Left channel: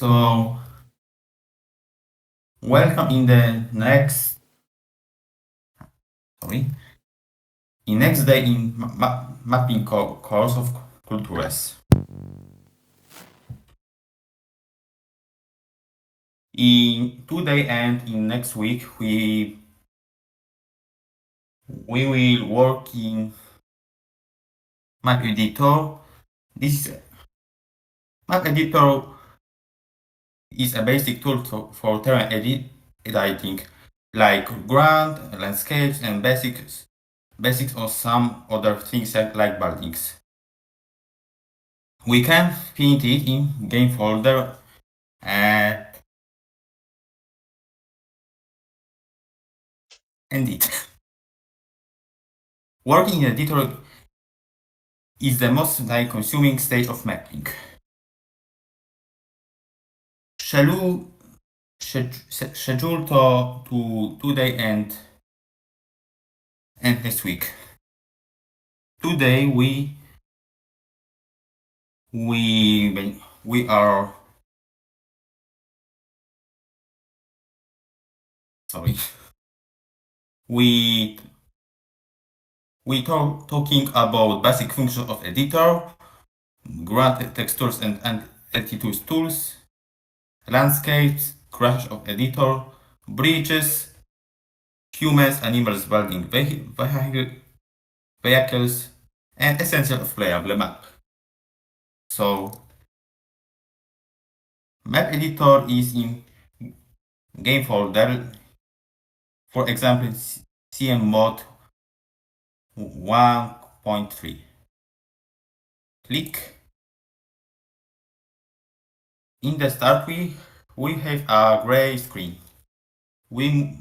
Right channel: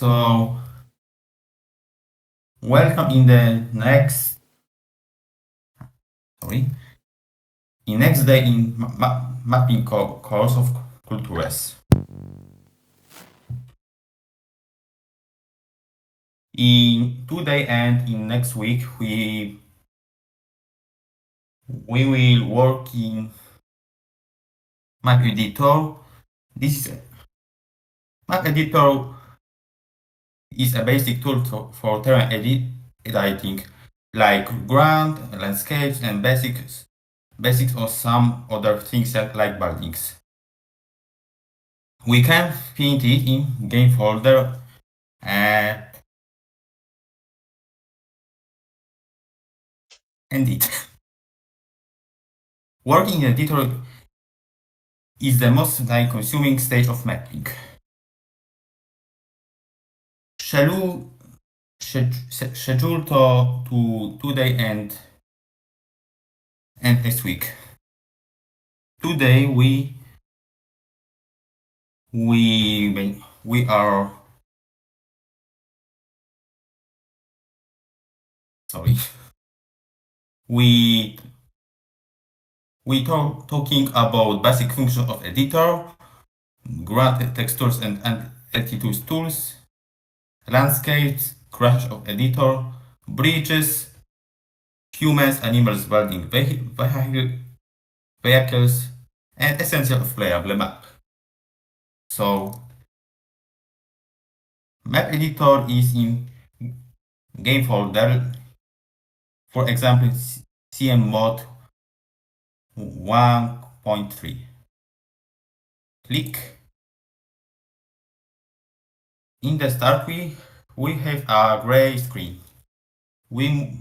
So, welcome in the next day in mapping course of Cultures. In today and in next week we will work in map editor. This map editor is a basic tool for terrain editing, like ground, landscapes, and basics or some other things like buildings. We can find it in game folder and it. Working in editor is the most time-consuming stage of mapping. Schedule to today and next week. Today we are talking about basic functions of editor, ground textures and altitude tools, landscapes, crash of editor, bridges, humans, animals, building vehicles, and essential of playable map. So map editor is in game folder, for example CM mode 1.3. Click. In the start we have a gray screen. We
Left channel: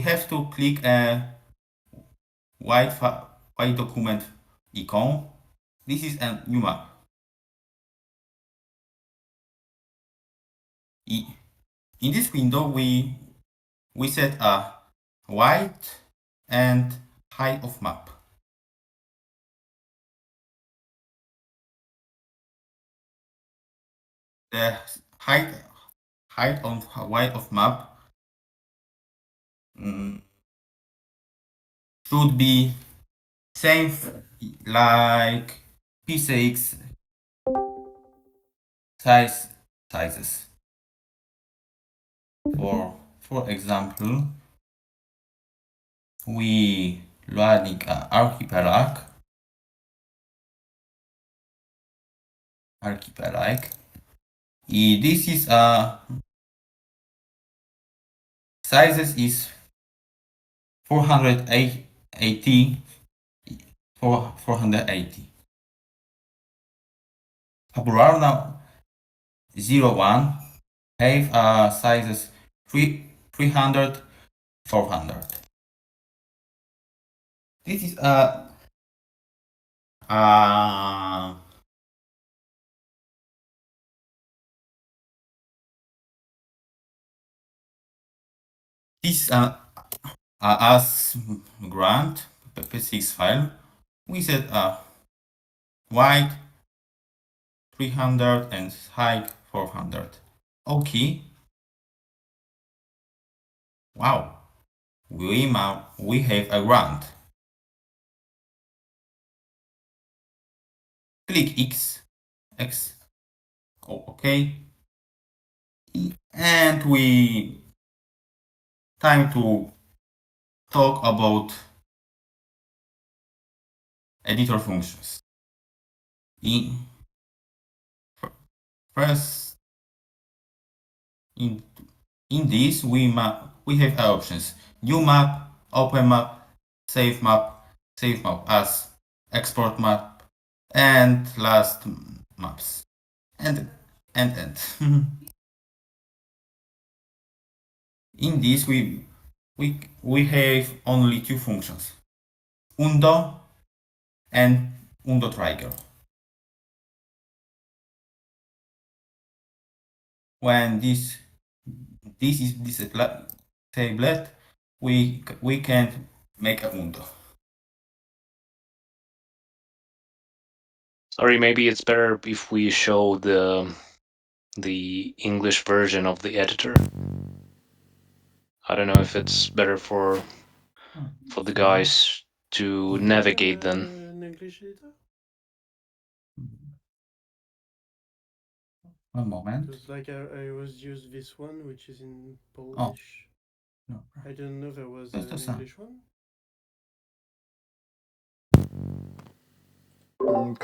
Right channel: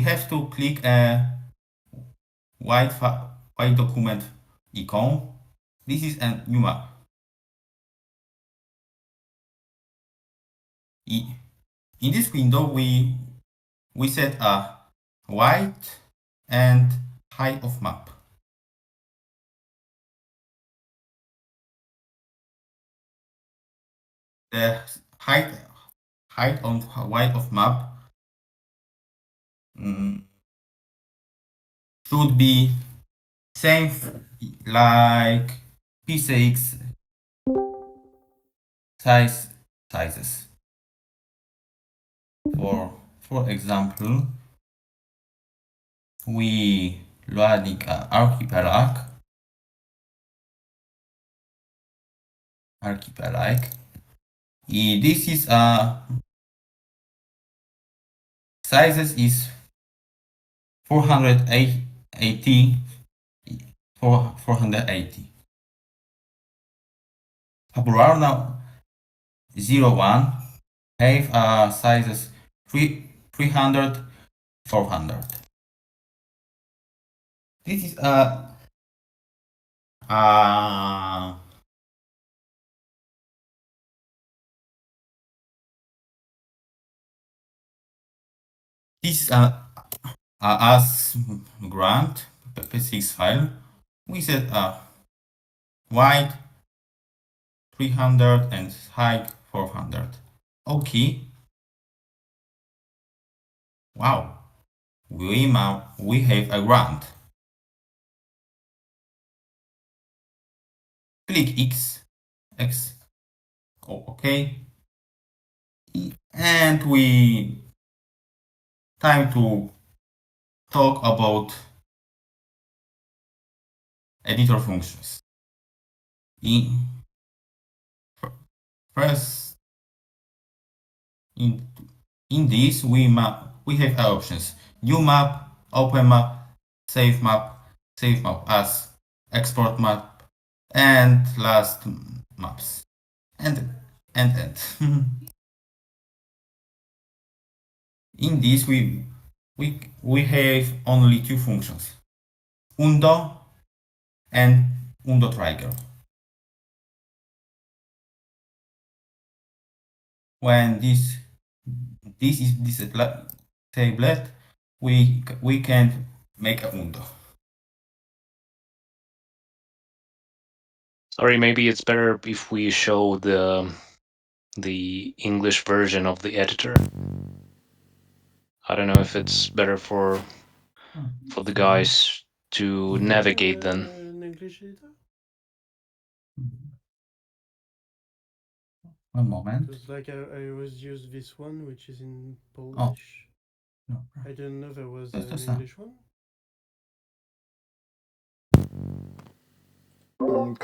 have to click a white document icon. This is a new map. In this window we set a width and height of map. The height on width of map should be same like P6 sizes. For example, we loading an archipelago. This is a sizes is 480. Popularna 01 have sizes 300, 400. This is as grant p6 file. We set a wide 300 and height 400. Okay. Wow. We have a grant. Click X. Oh, okay. And we time to talk about editor functions. First, in this we have options: new map, open map, save map as, export map, and last maps, and in this we have only two functions: undo and undo trigger. When this is disabled, we can make a undo. Sorry, maybe it's better if we show the the English version of the editor. I don't know if it's better for Oh, the sorry. guys to Do you have navigate then. an English editor? One moment. Because like I was used this one, which is in Oh, Polish. no. I didn't know there was That's the an sound. English one.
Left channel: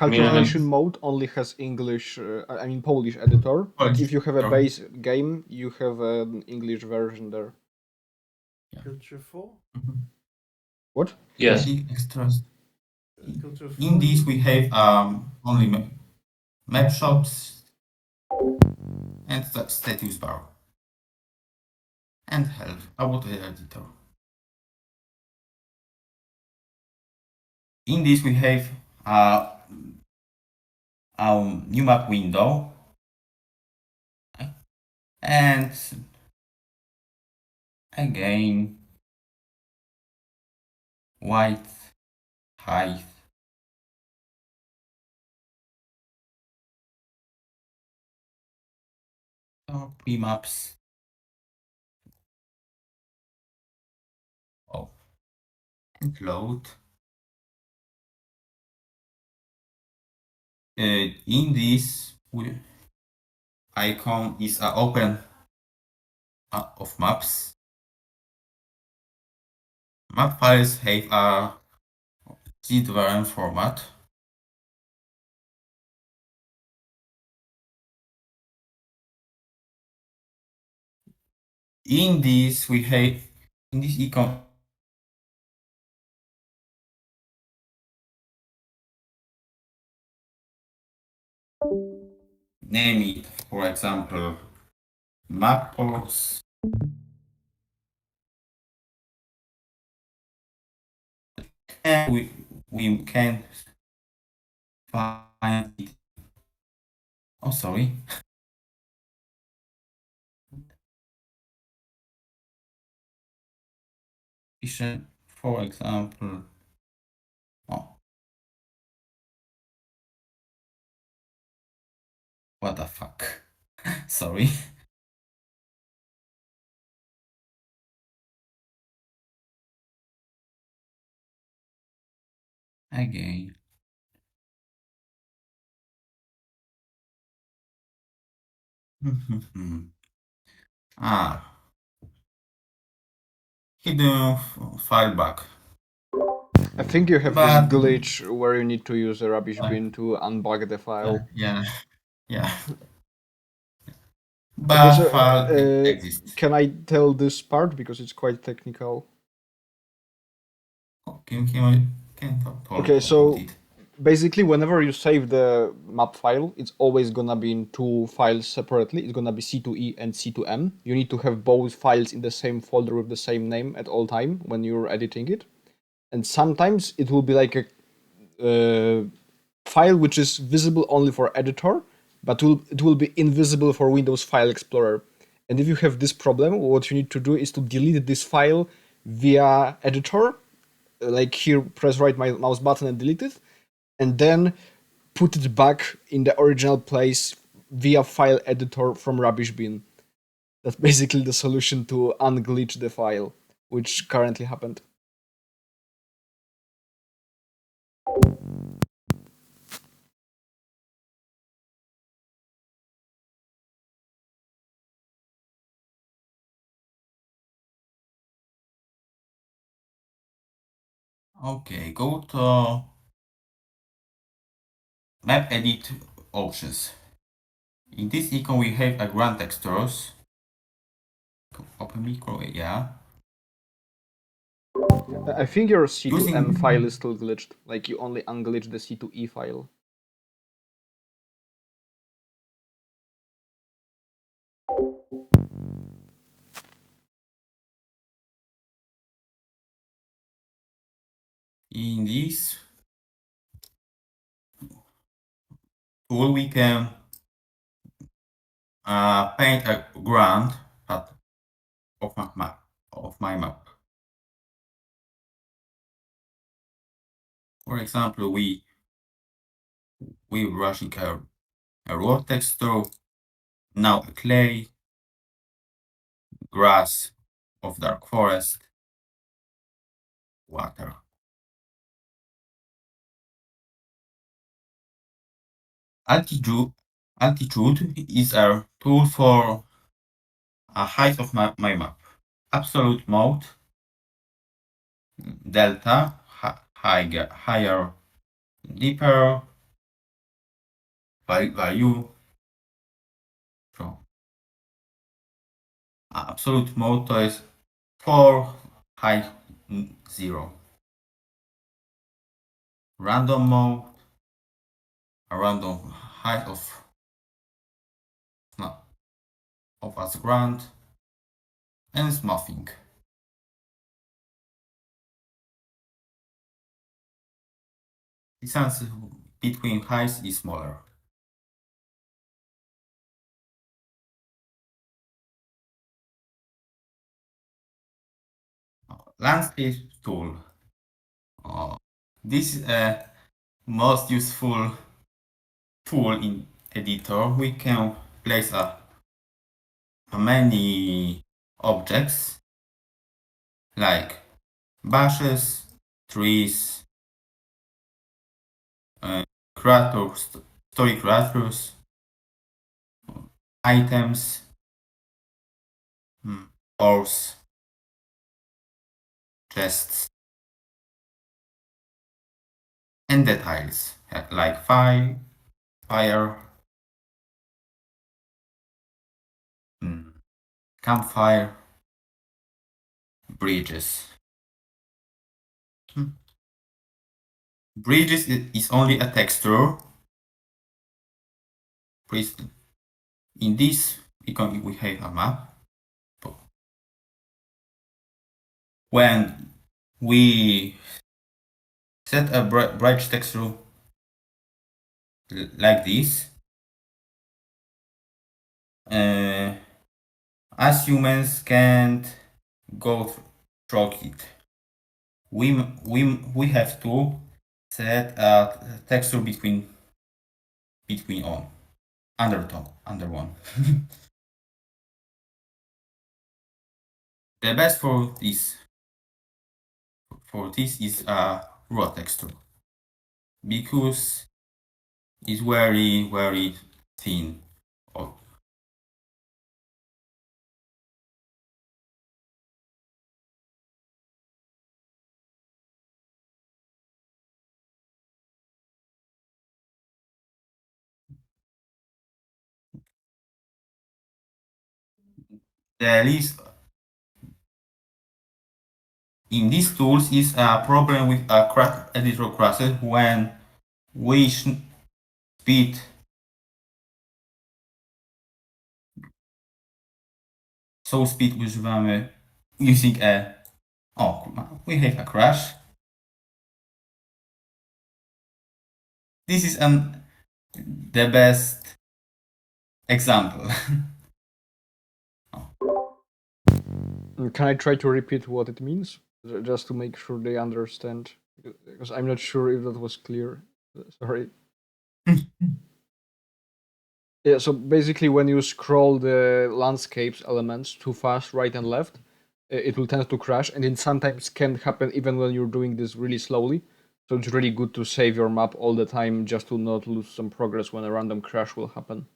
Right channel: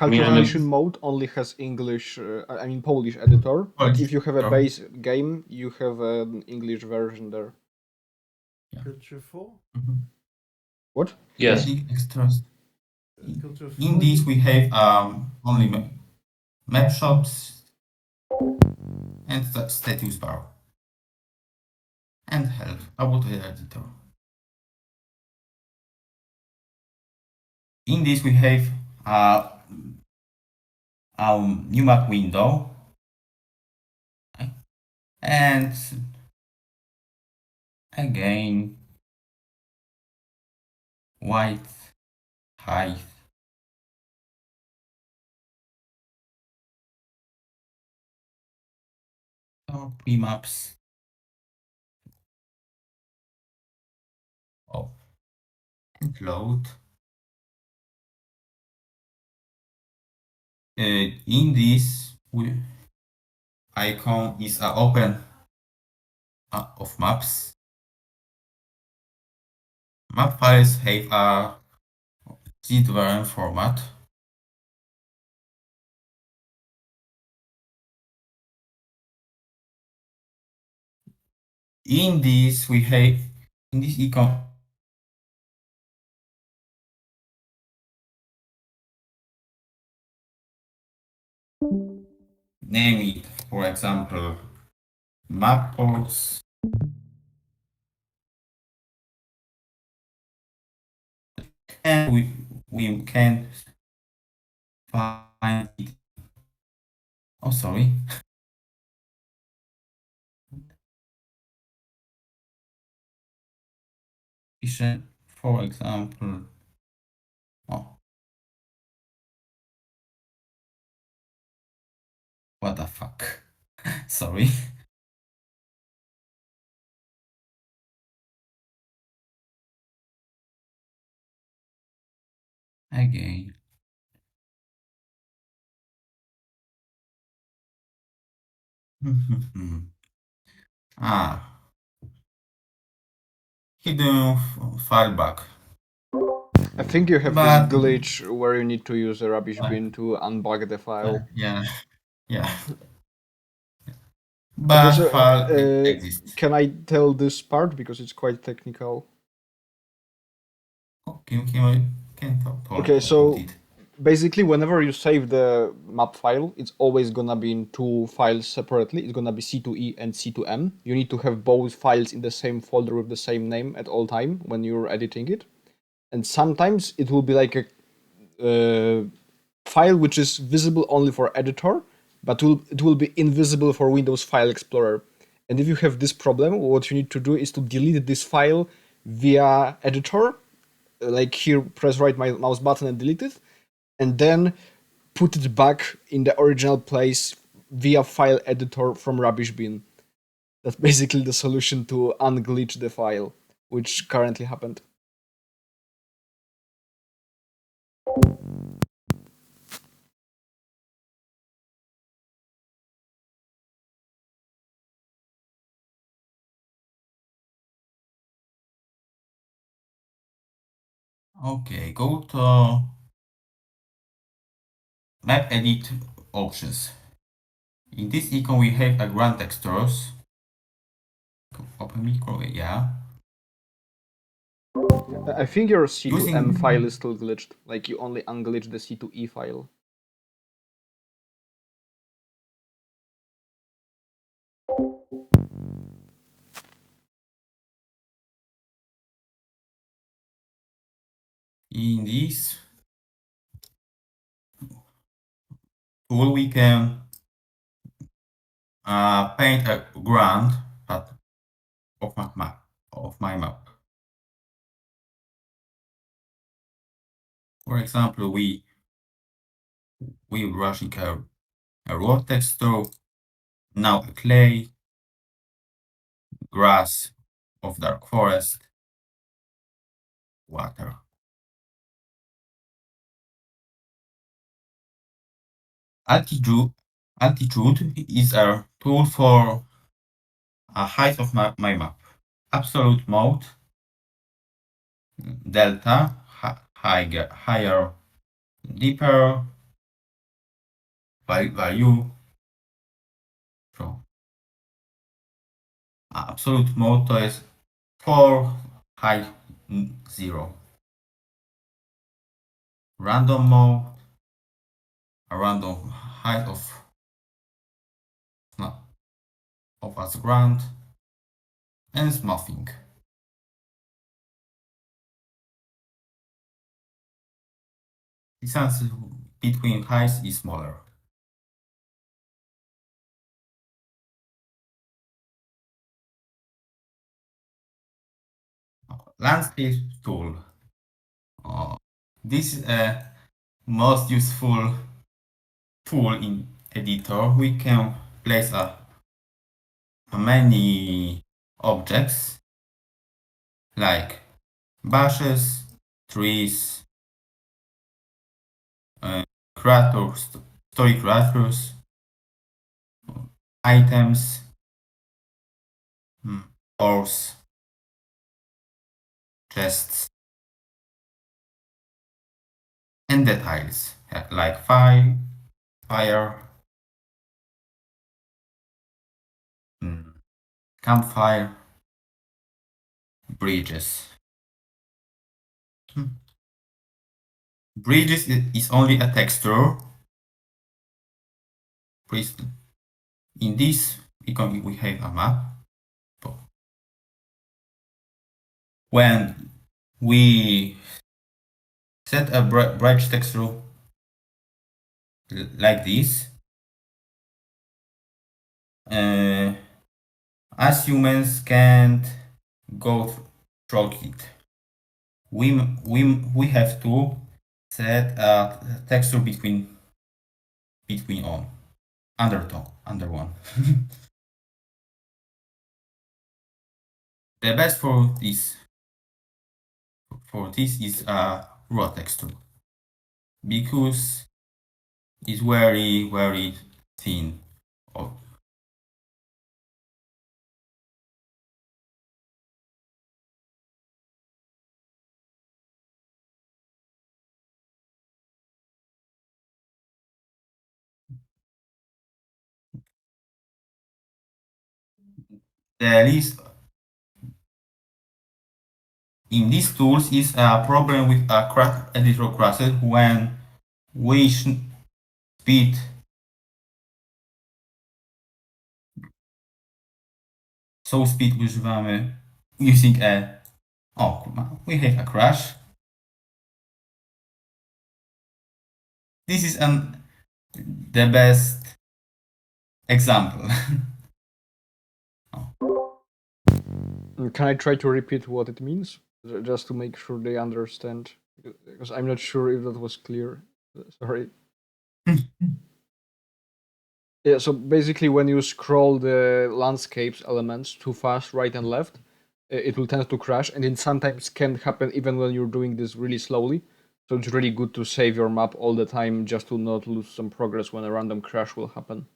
Give me Cultures a minute. Nation mode only has English, I mean Polish editor, but Polish if you have a editor. base game, you have an English version there. Yeah. Culture 4? What? Yes. Adding extras. Culture In 4 this you we mean? have only map shops and status bar and help about the editor. In this we have uh, our new map window and again white height or pre-maps. Oh, and load. In this icon is open of maps. Map files have a zip variant format. In this we have in this icon name it, for example, map ports and we can find it. Oh, sorry. For example, oh, what the fuck? Sorry. Again. Ah, hidden file bug. I think you have this But glitch where you need to use a rubbish bin to unbug the file. yeah, yeah. Okay, But so file exists. can I tell this part because it's quite technical? Oh, can talk Okay, about so it. basically, whenever you save the map file, it's always gonna be in two files separately. It's gonna be C2E and C2M. You need to have both files in the same folder with the same name at all time when you're editing it. And sometimes it will be like a file which is visible only for editor, but it will be invisible for Windows File Explorer. And if you have this problem, what you need to do is to delete this file via editor, like here, press right mouse button and delete it, and then put it back in the original place via file editor from rubbish bin. That's basically the solution to unglitch the file, which currently happened. Okay, go to map edit options. In this icon we have a grand textures. Open micro, yeah. I think your C2M file is Using still glitched, like you only unglitched the C2E file. in this tool we can paint a ground part of my map. For example, we brushing a raw texture Now clay, grass of dark forest, water. Altitude, altitude is a tool for a height of my map. Absolute mode, delta, higher, deeper, value. So absolute mode to jest 4, high 0. Random mode, a random height of as grand, and smoothing. Distance between heights is smaller. Landscape tool. This is a most useful tool in editor. We can place many objects like bushes, trees, creatures, story creatures, items, horse, chests, and details like fire, campfire, bridges. Bridges is only a texture. In this icon we have a map. When we set a bridge texture like this, as humans can't go through it. We have to set a texture between on under one. The best for this is a raw texture because it's very thin. Oh, the list in these tools is a problem with a editor classes when we speed so speed używamy using we have a crash. This is the best example. Can I try to repeat what it means? Just to make sure they understand? Because I'm not sure if that was clear. Sorry. Yeah, so basically, when you scroll the landscapes elements too fast, right and left, it will tend to crash, and it sometimes can happen even when you're doing this really slowly. So it's really good to save your map all the time just to not lose some progress when a random crash will happen.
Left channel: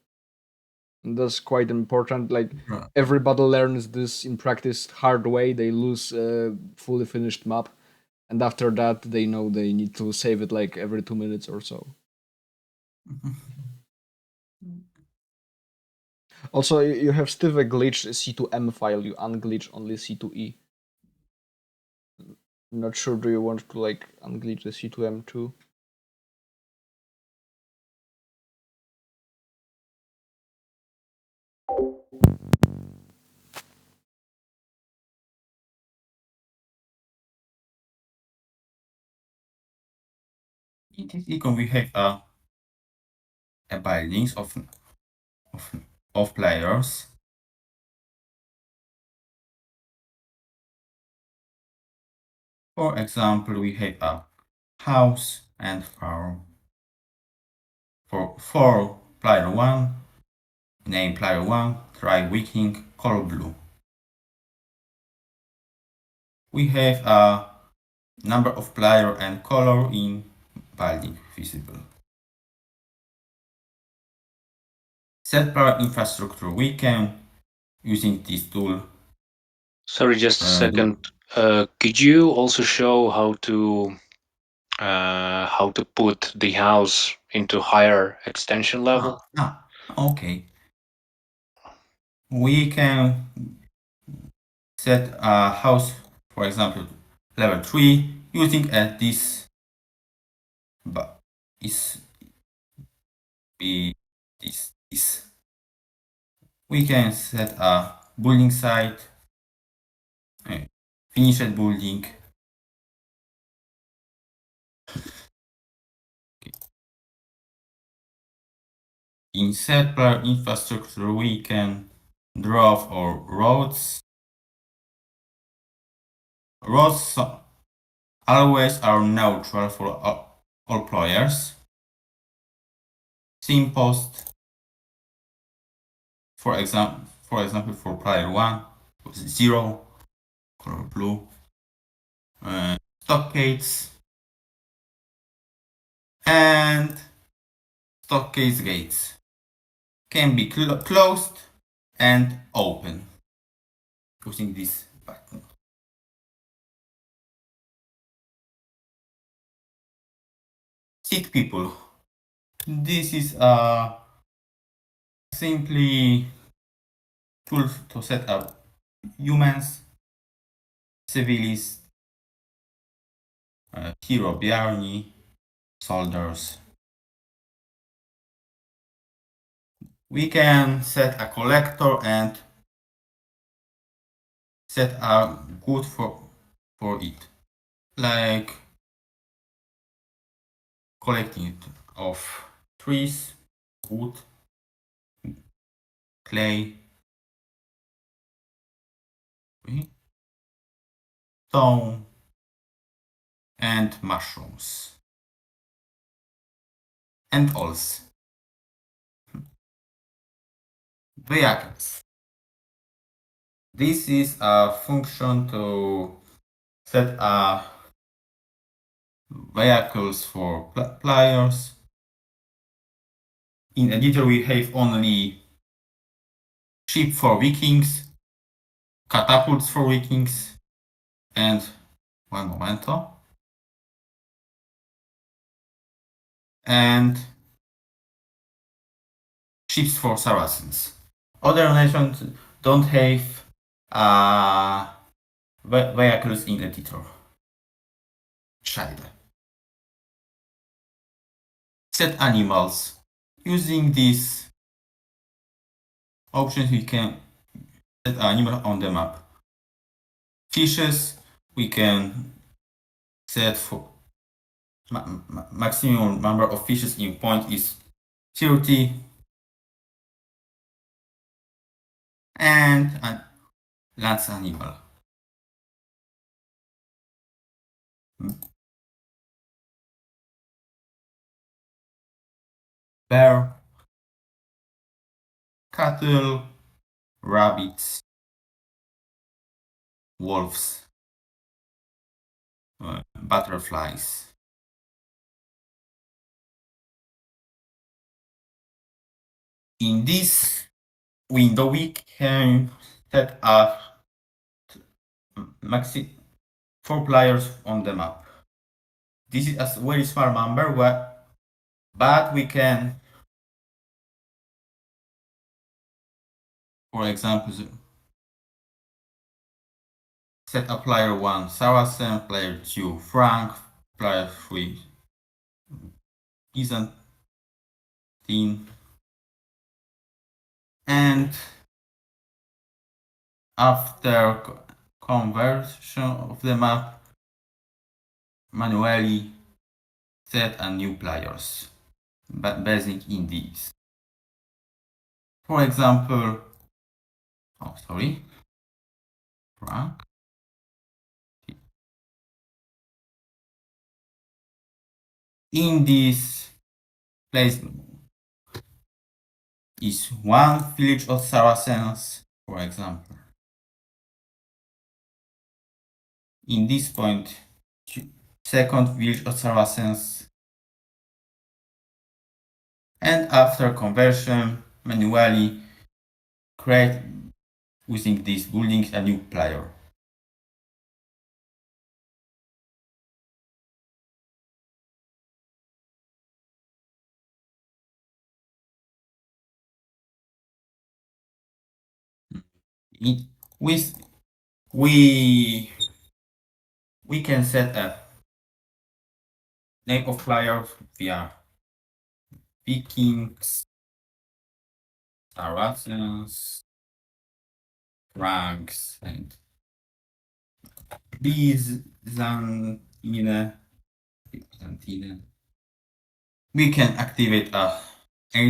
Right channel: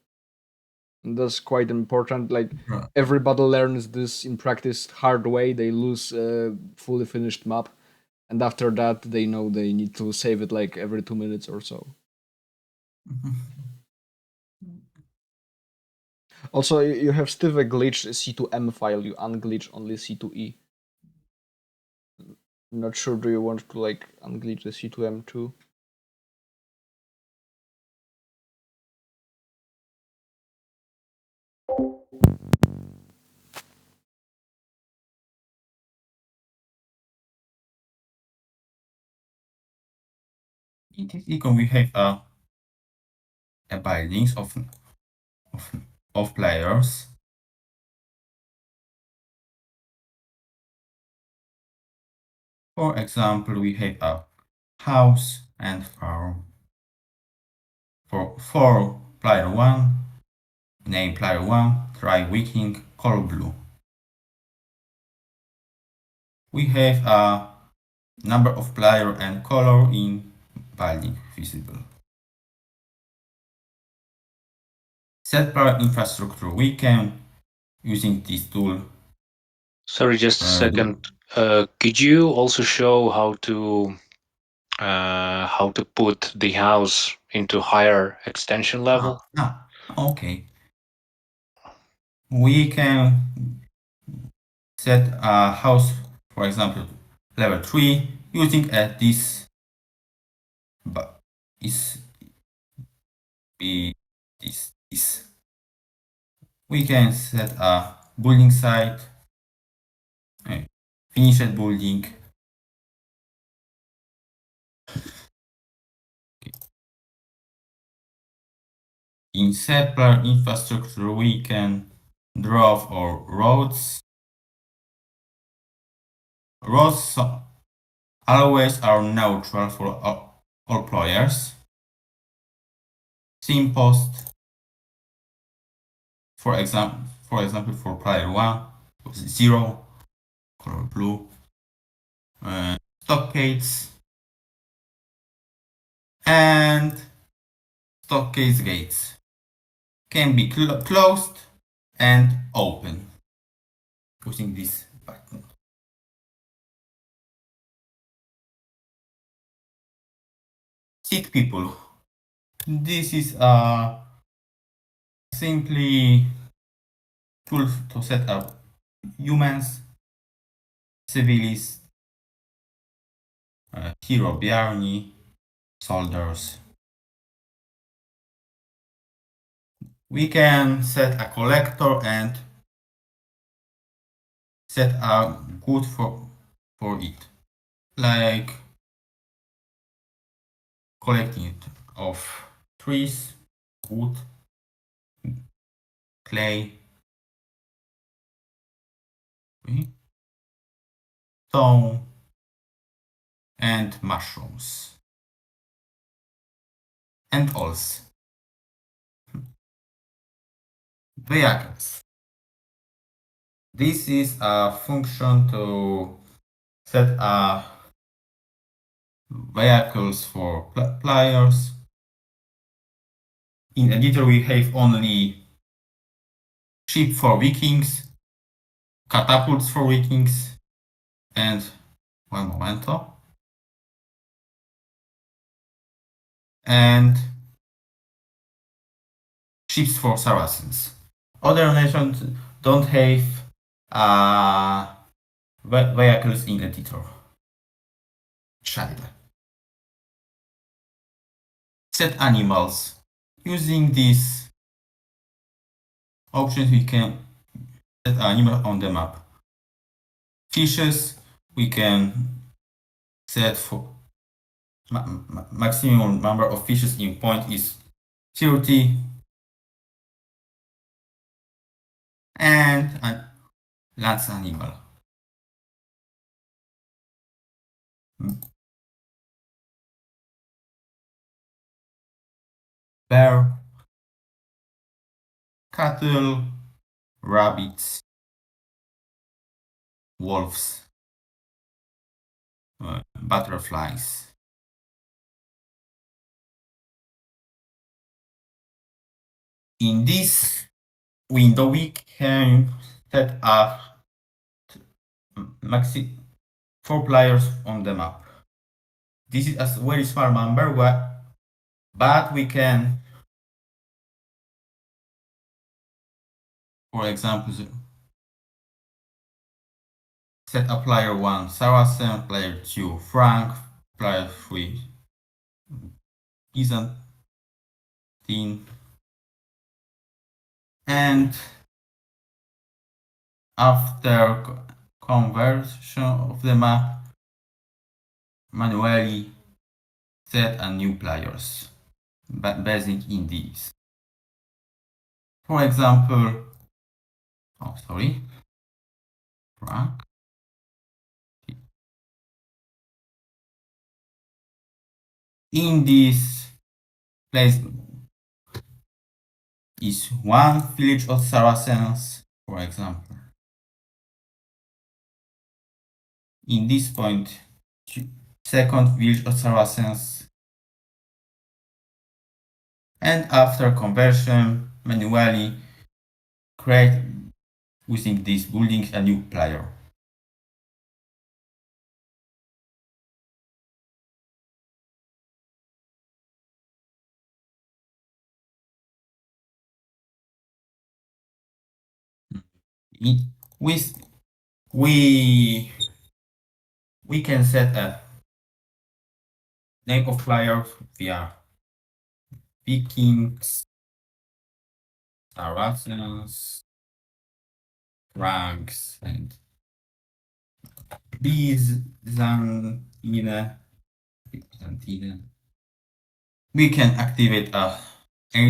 And that's quite important. Like everybody learns this in practice hard way. They lose a fully finished map, and after that, they know they need to save it like every 2 minutes or so. Also, you have still a glitch C2M file. You unglitch only C2E. I'm not sure. Do you want to like unglitch the C2M too? In this icon we have a bindings of players. For example, we have a house and farm. For player 1, name player 1, try Viking, color blue. We have a number of player and color in building visible. Set player infrastructure. We can, using this tool, Sorry, just a do second. Could you also show how to put the house into higher extension level? okay. We can set a house, for example, level 3 using this, but is be this. We can set a building site, finished building. In set player infrastructure, we can draw our roads. Roads always are neutral for all players. Simpost, for example, for player 1 was 0, color blue. Stockades and stockade gates can be closed and open using this button. Seat people. This is a simply tool to set up humans, civilians, hero Bjarni, soldiers. We can set a collector and set a good for it, like collecting of trees, wood, clay, stone, and mushrooms, and also vehicles. This is a function to set vehicles for players. In editor we have only ship for Vikings, catapults for Vikings, and one momento, and ships for Saracens. Other nations don't have vehicles in editor. Child. Set animals. Using these options we can set animal on the map. Fishes we can set for maximum number of fishes in point is 30, and land animal. Bear, cattle, rabbits, wolves, butterflies. In this window we can set up maxi 4 players on the map. This is a very small number, but we can, for example, set a player 1 Saracen, player 2 Frank, player 3 Byzantine, and after conversion of the map, manually set a new players basing in these. For example, Frank. In this place, is one village of Saracens, for example. In this point, second village of Saracens, and after conversion, manually create using these buildings a new player. With we can set a name of player via Vikings, Saracens, Franks, and Byzantine. We can activate a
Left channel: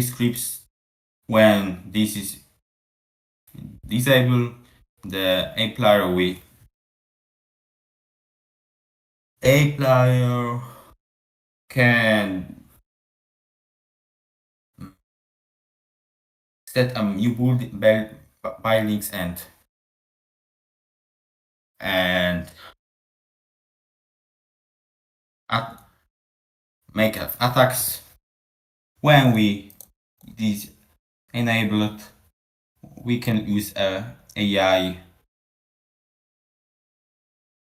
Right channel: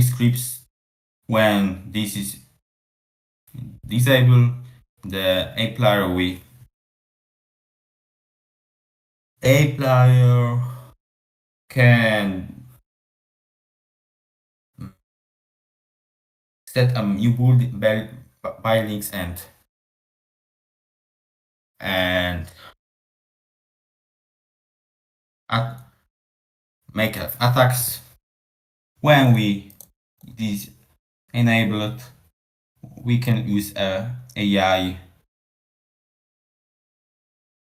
scripts when this is disabled. The a player can set a new buildings and make attacks. When we this enabled, we can use a AI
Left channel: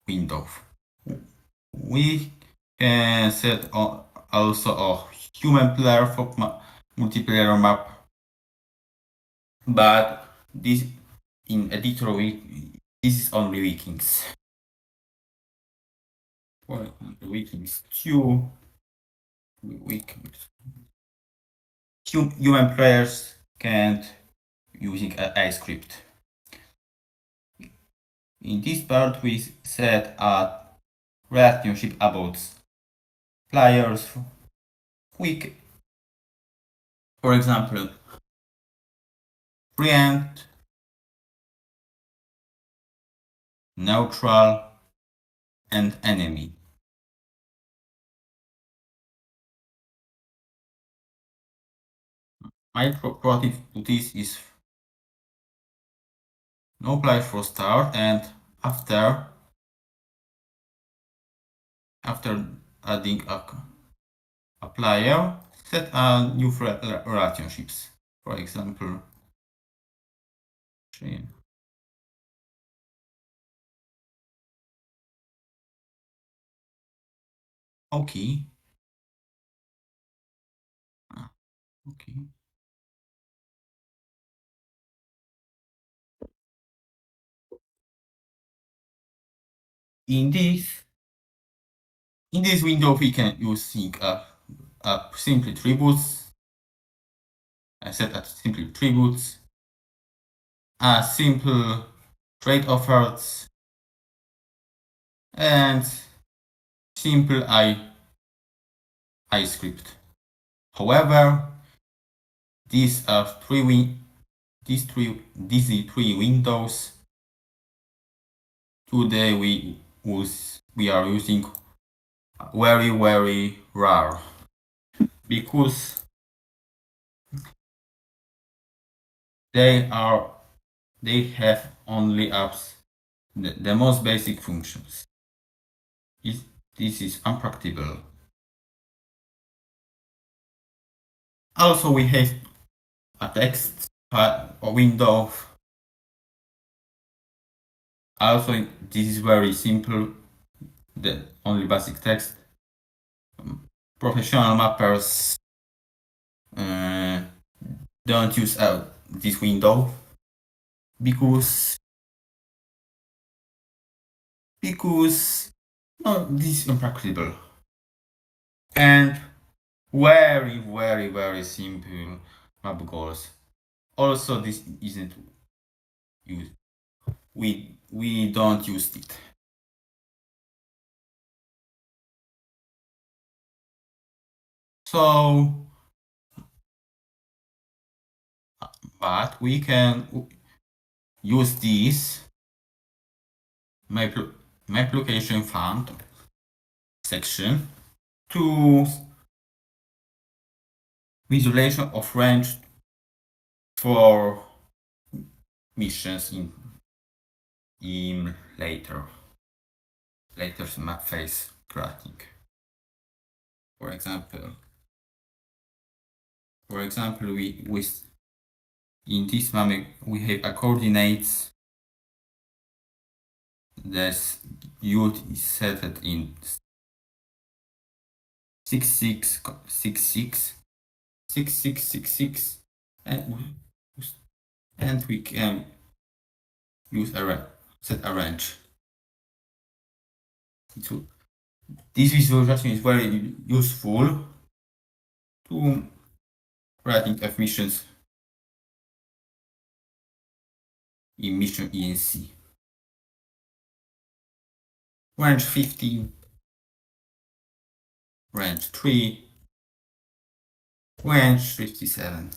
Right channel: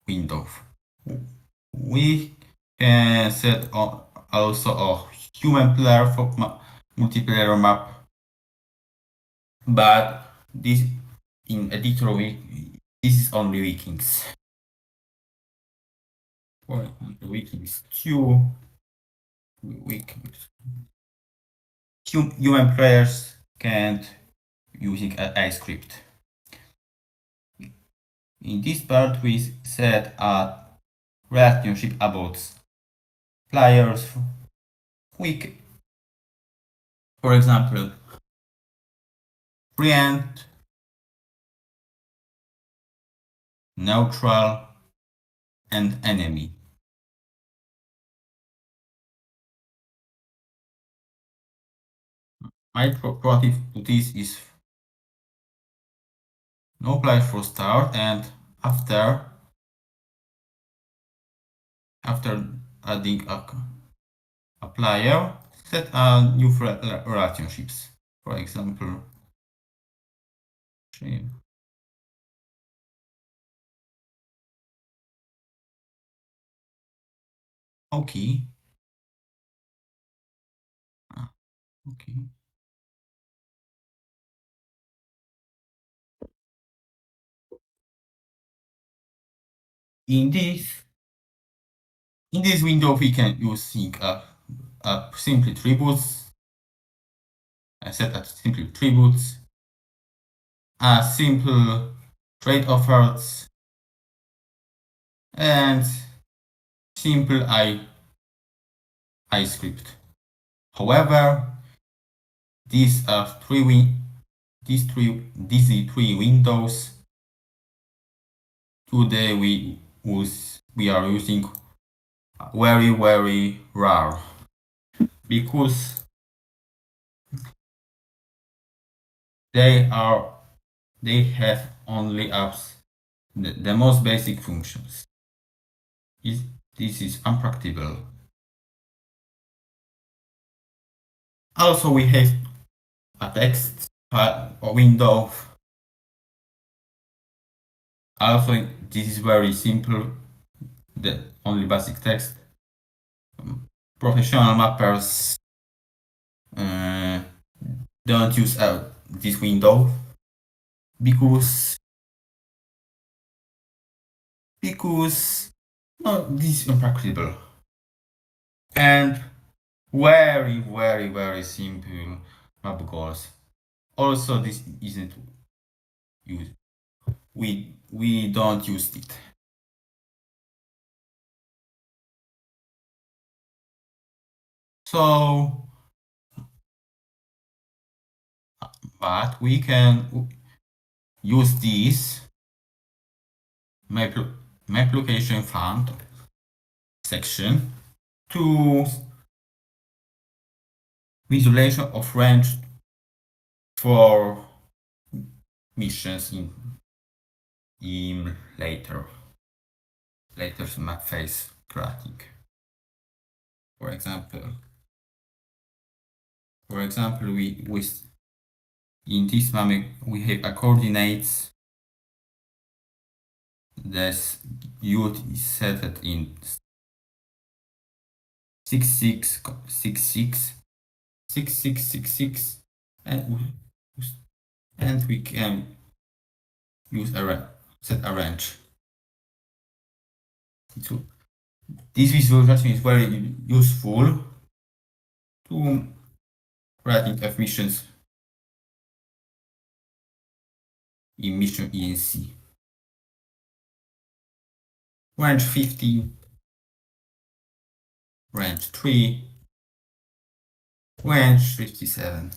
window. We can set also a human player for multiplayer map, but this in editor this is only Vikings. For the Vikings 2, human players can't using a script. In this part, we set a relationship about players. For example, friend, neutral, and enemy. My proactive to this is no player for start, and after adding a player, set a new relationships. For example, okay. Okay. In this window, we can use simple attributes. I set as simple attributes, a simple trade offers, and simple I script. However, these three windows. Today we are using very rare because they have only apps the most basic functions. This is unpractical. Also, we have a text window. Also, this is very simple. The only basic text. Professional mappers don't use this window because no, this is impractical and very simple map goals. Also, this isn't used. We don't use it. So, but we can use this map location font section to visualization of range for missions in later map phase creating. For example, we in this map we have a coordinates. This youth is set in 6666 and we can use set a range. This visualization is very useful to writing of missions in mission ENC. Range 50, range 3, range 57.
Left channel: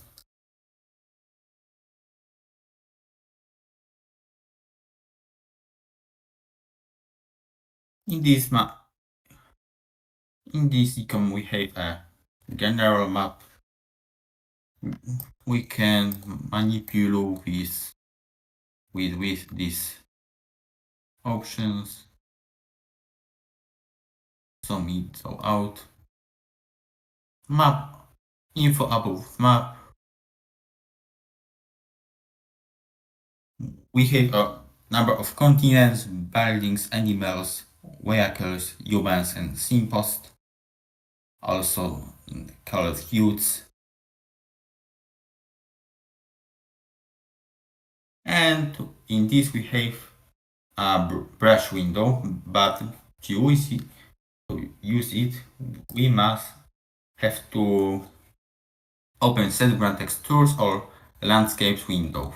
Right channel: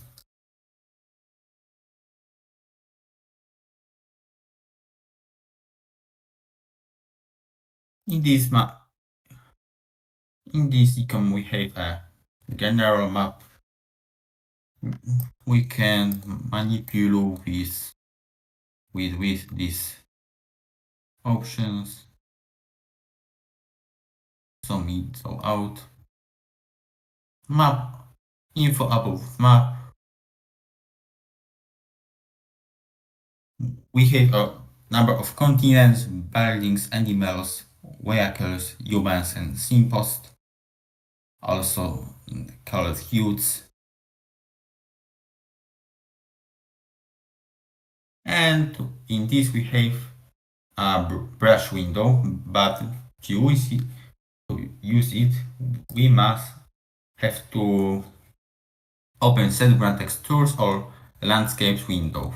In this econ we have a general map. We can manipulate with these options. Some in, so out. Map info above map. We have a number of continents, buildings, animals, vehicles, humans, and signposts. Also colored hues. And in this we have a brush window, but to use it, we must have to open SetGrant Textures or Landscapes window.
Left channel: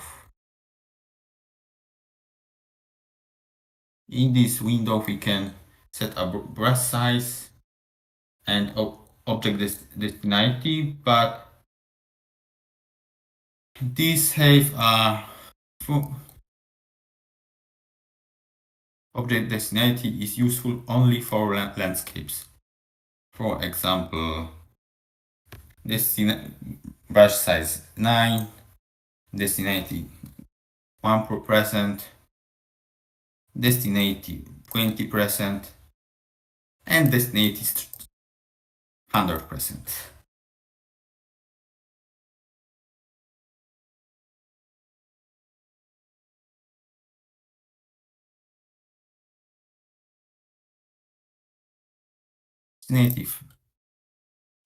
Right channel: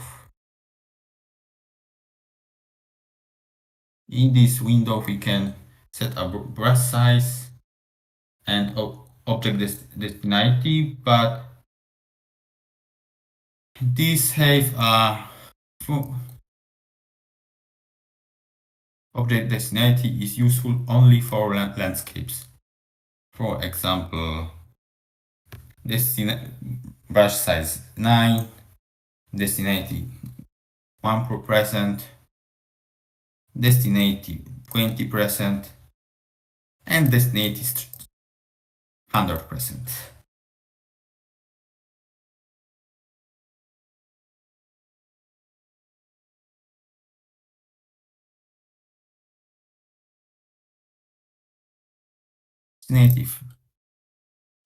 In this window we can set a brush size and object destination, but this have a object destination is useful only for landscapes. For example, brush size 9, destination 1%, destination 20%, and destination 100%. Native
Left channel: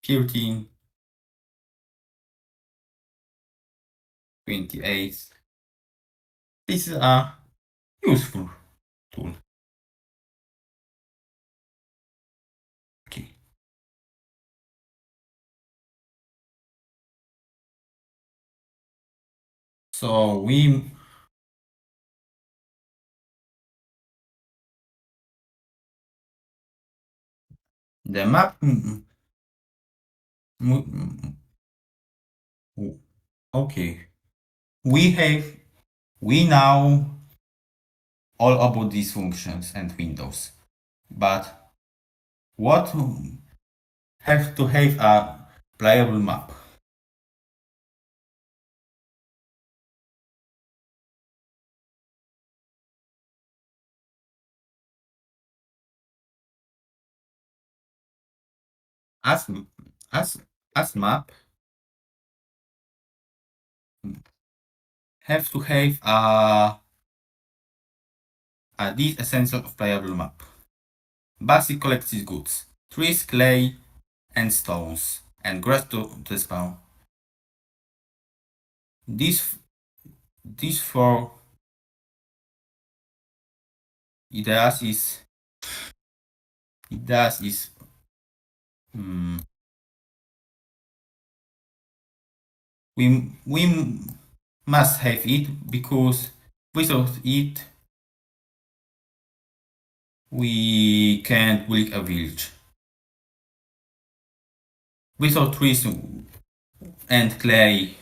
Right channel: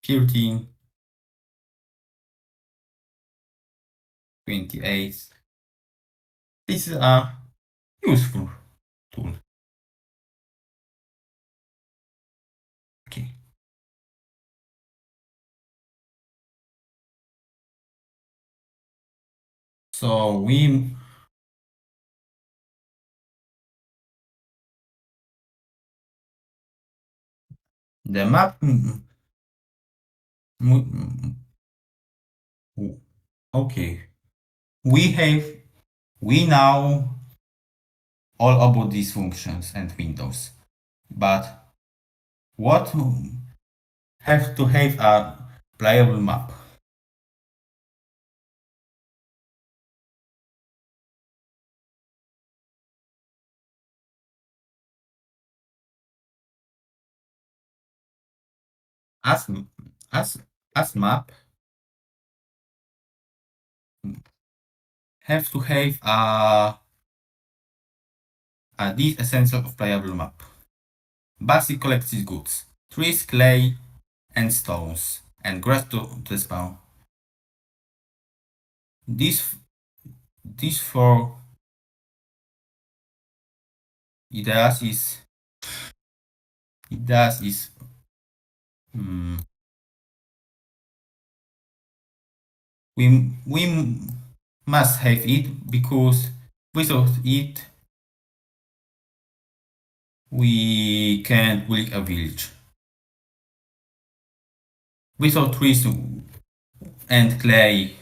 13, 28. This is a useful tool. Okay. So the map. Okay. We know all about these functions and windows, but what have to have a playable map? As as as map have to have these essential of playable map. Basic collected goods: trees, clay, and stones, and grass to spawn. These four ideas is we must have it because without it we can't build a village. Without trees and clay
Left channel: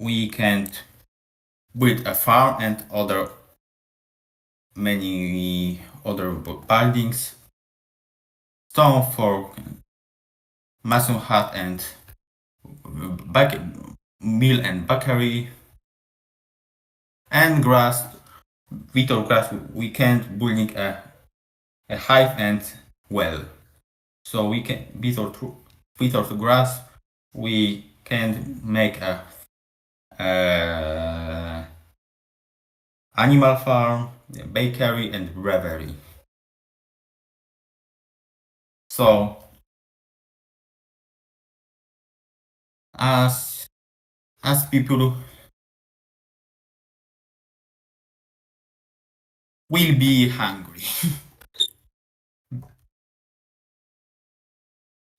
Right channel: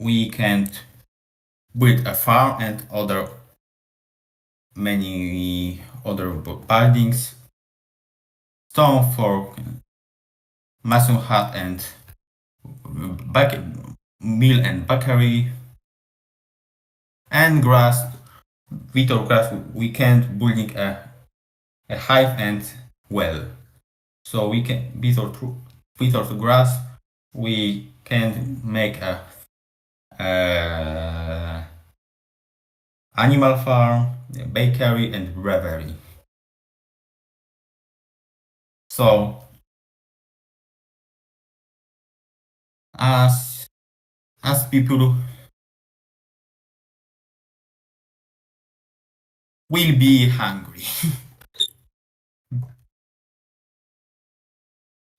we can't build a farm and many other buildings. Stone for mason hut and back mill and bakery, and grass. Without grass, we can't building a hive and well. So we can without grass, we can make a animal farm, a bakery, and brewery. So as people will be hungry.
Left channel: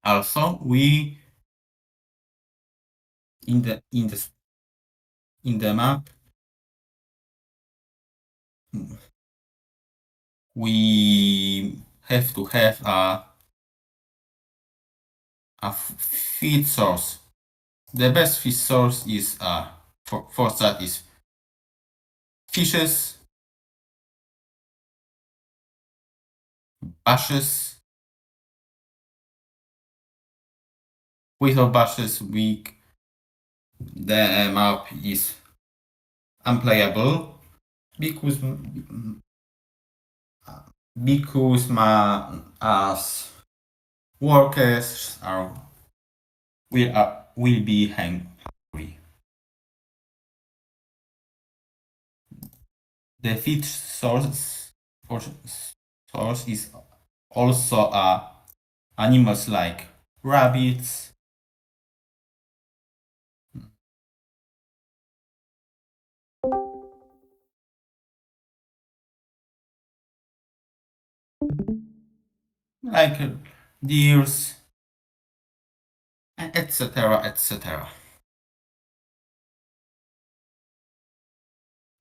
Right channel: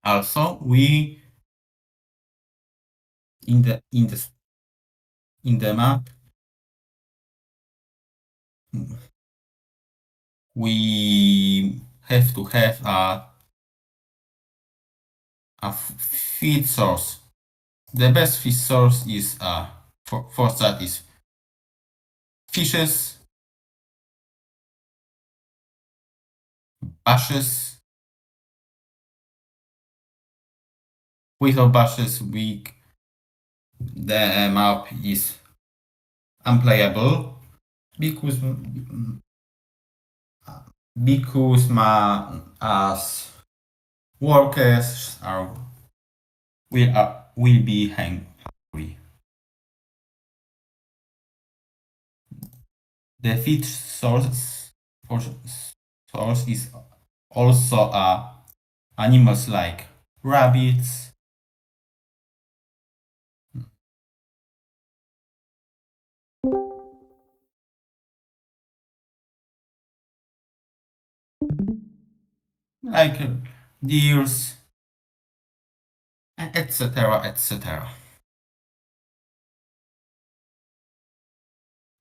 Also, we in the map we have to have a feed source. The best feed source is for that is fishes, bushes. Without bushes, the map is unplayable because as workers will be hungry. The feed source is also animals like rabbits, like deers, etc., etc.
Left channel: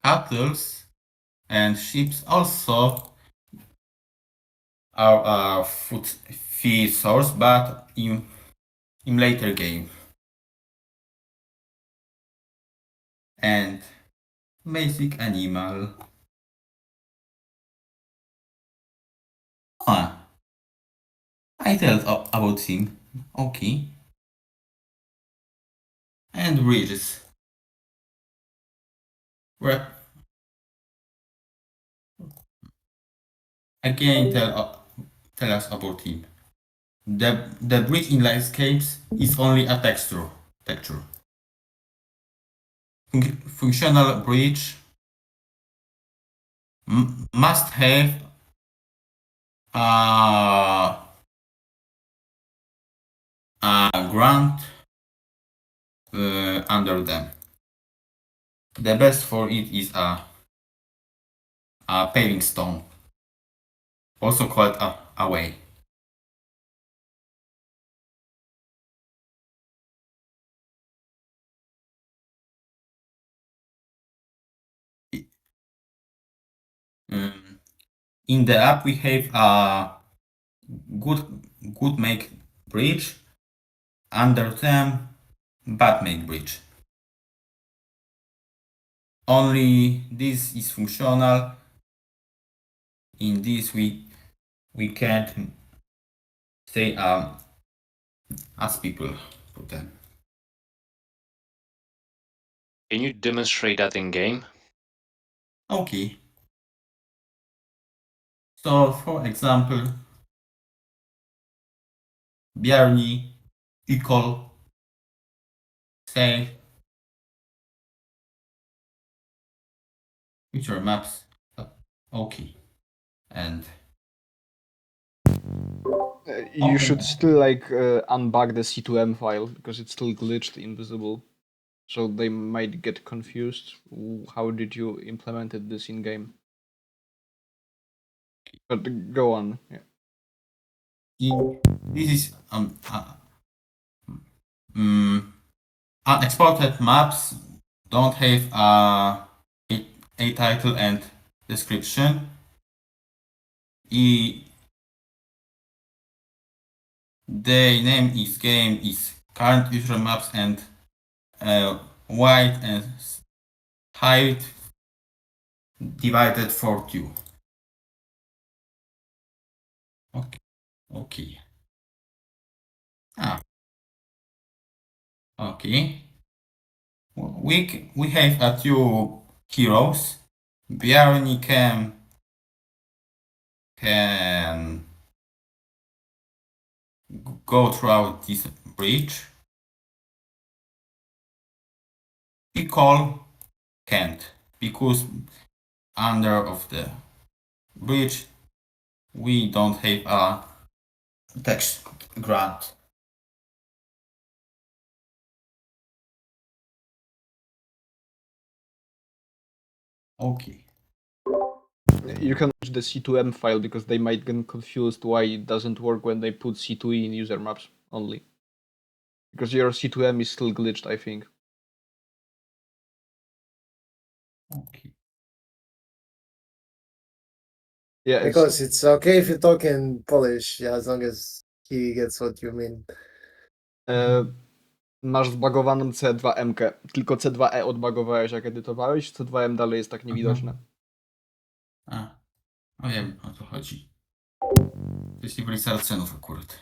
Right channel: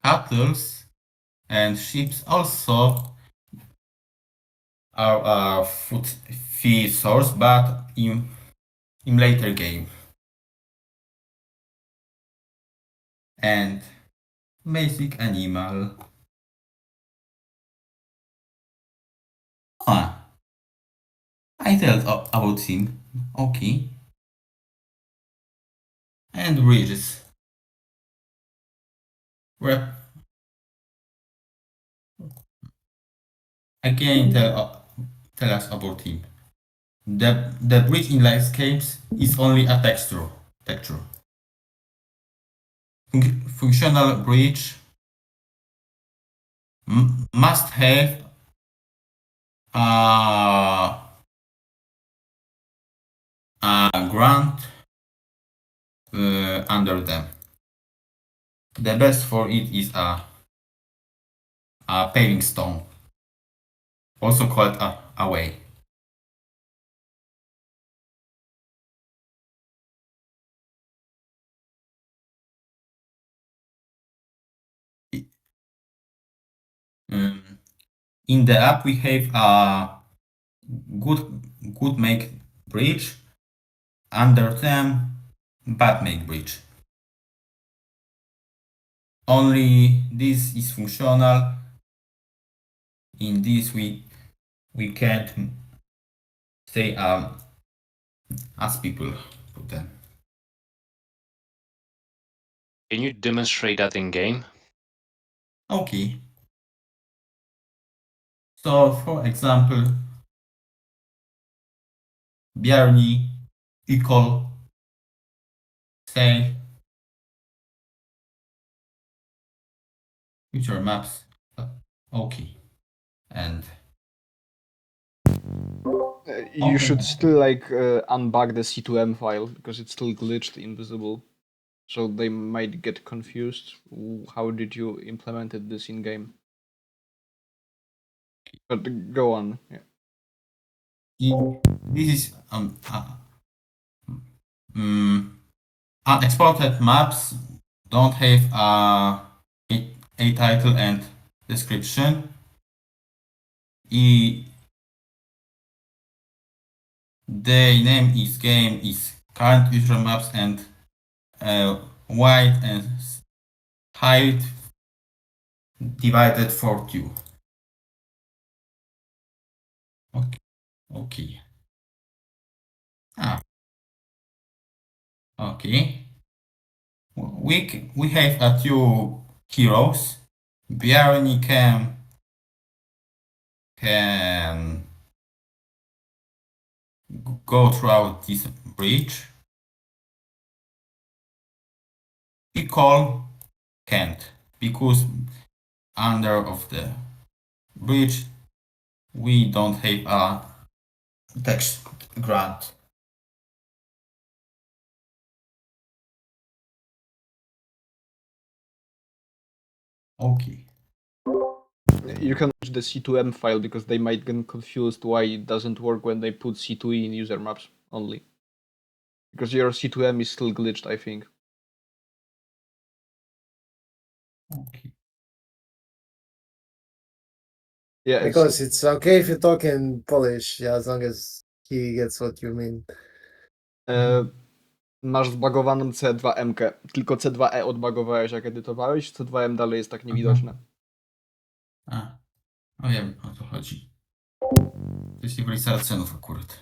Cattle and sheep also are a food feed source, but in later game. And basic animal. Ah, I tell about him. Okay. And bridges. Rep again tell us about him. The bridge in landscapes is only a texture. Functional bridge must have a, a ground under them. The best for it is a paving stone, also called a way. Um, in the app we have a good make bridge, under them bad make bridge. Only this is functional. In this we can't say as people put them. Can you demonstrate that in game? Okay. So for example, Bjarni equal say future maps. Okay. And You should still like unbug the C2M file because it's still glitched invisible. So they might get confused. How did you implemented this in game? But go on. Yeah. this is unexported maps don't have a title and description. The name is game is current user maps and white and height divided for two. Okay. Okay. Ah, Okay. We have a two heroes. Bjarni can go throughout this bridge. We call can't because under of the bridge we don't have a text grant. Okay. You can use the C2M file because they might get confused why it doesn't work when they put C2E in user maps only. Because your C2M is still glitched, I think. Okay. Yeah, Because it's okay if you talk in Polish, yeah, as long as he gets what you mean. Masz zbagowaną C2M-kę. Tylko C2E odbagowałeś, jak edytowałeś, C2M dalej jest tak niewidoczne. A, no wiem o co chodzi. To jest nie byli Saracenów akurat.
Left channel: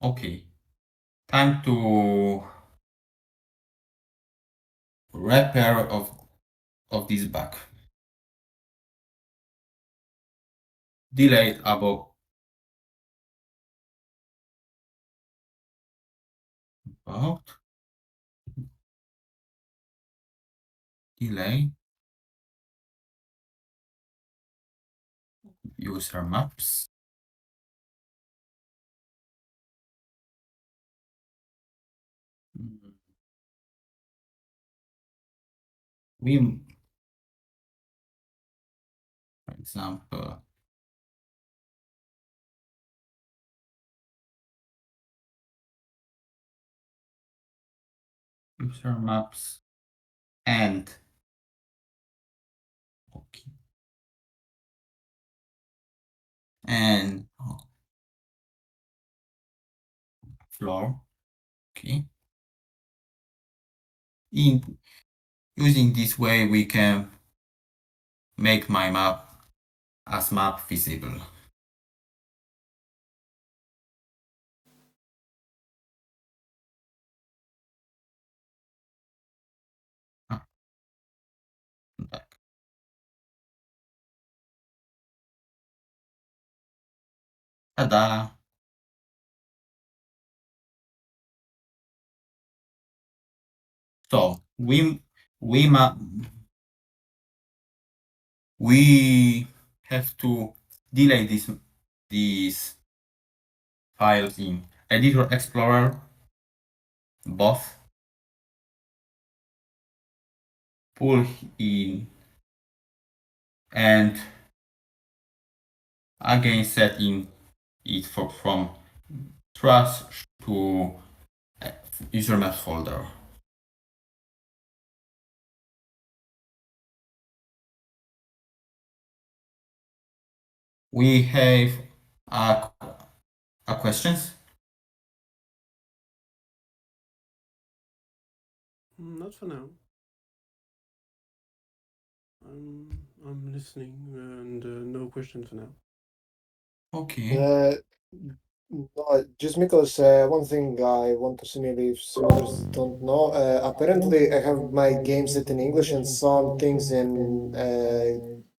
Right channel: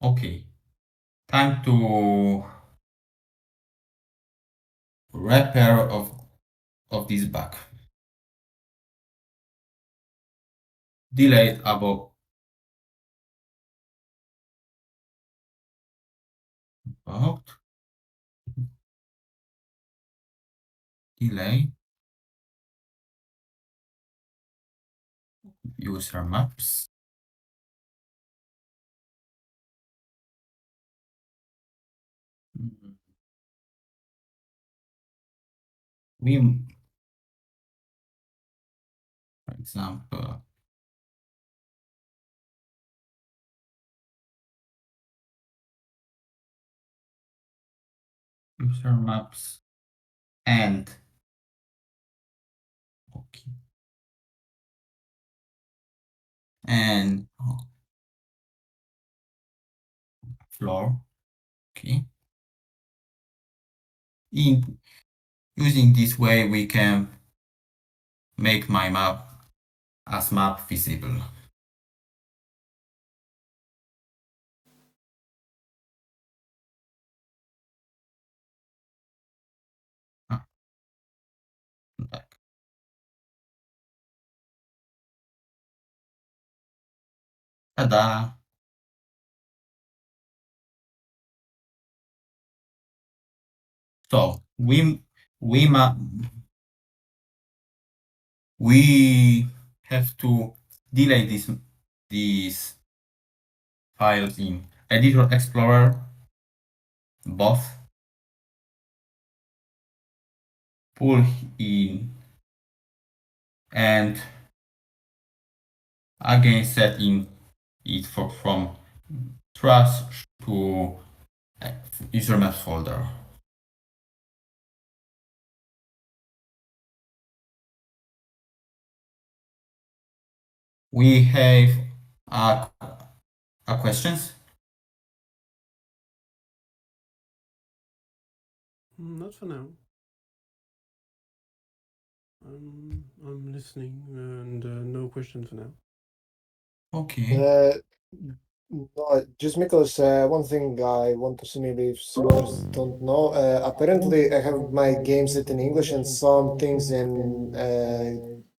Okay. Time to repair of this bug. Delay about delay user maps. We, for example, user maps and okay and floor. Okay. In using this way, we can make my map as map visible. Ah, back. Ta-da! So we ma we have to delay these files in Editor Explorer, both pull in and again setting it from trash to user maps folder. We have a questions. Not for now. I'm listening, and no question for now. Okay. No, just because one thing I want to see maybe if some others don't know. Apparently, I have my game set in English, and some things in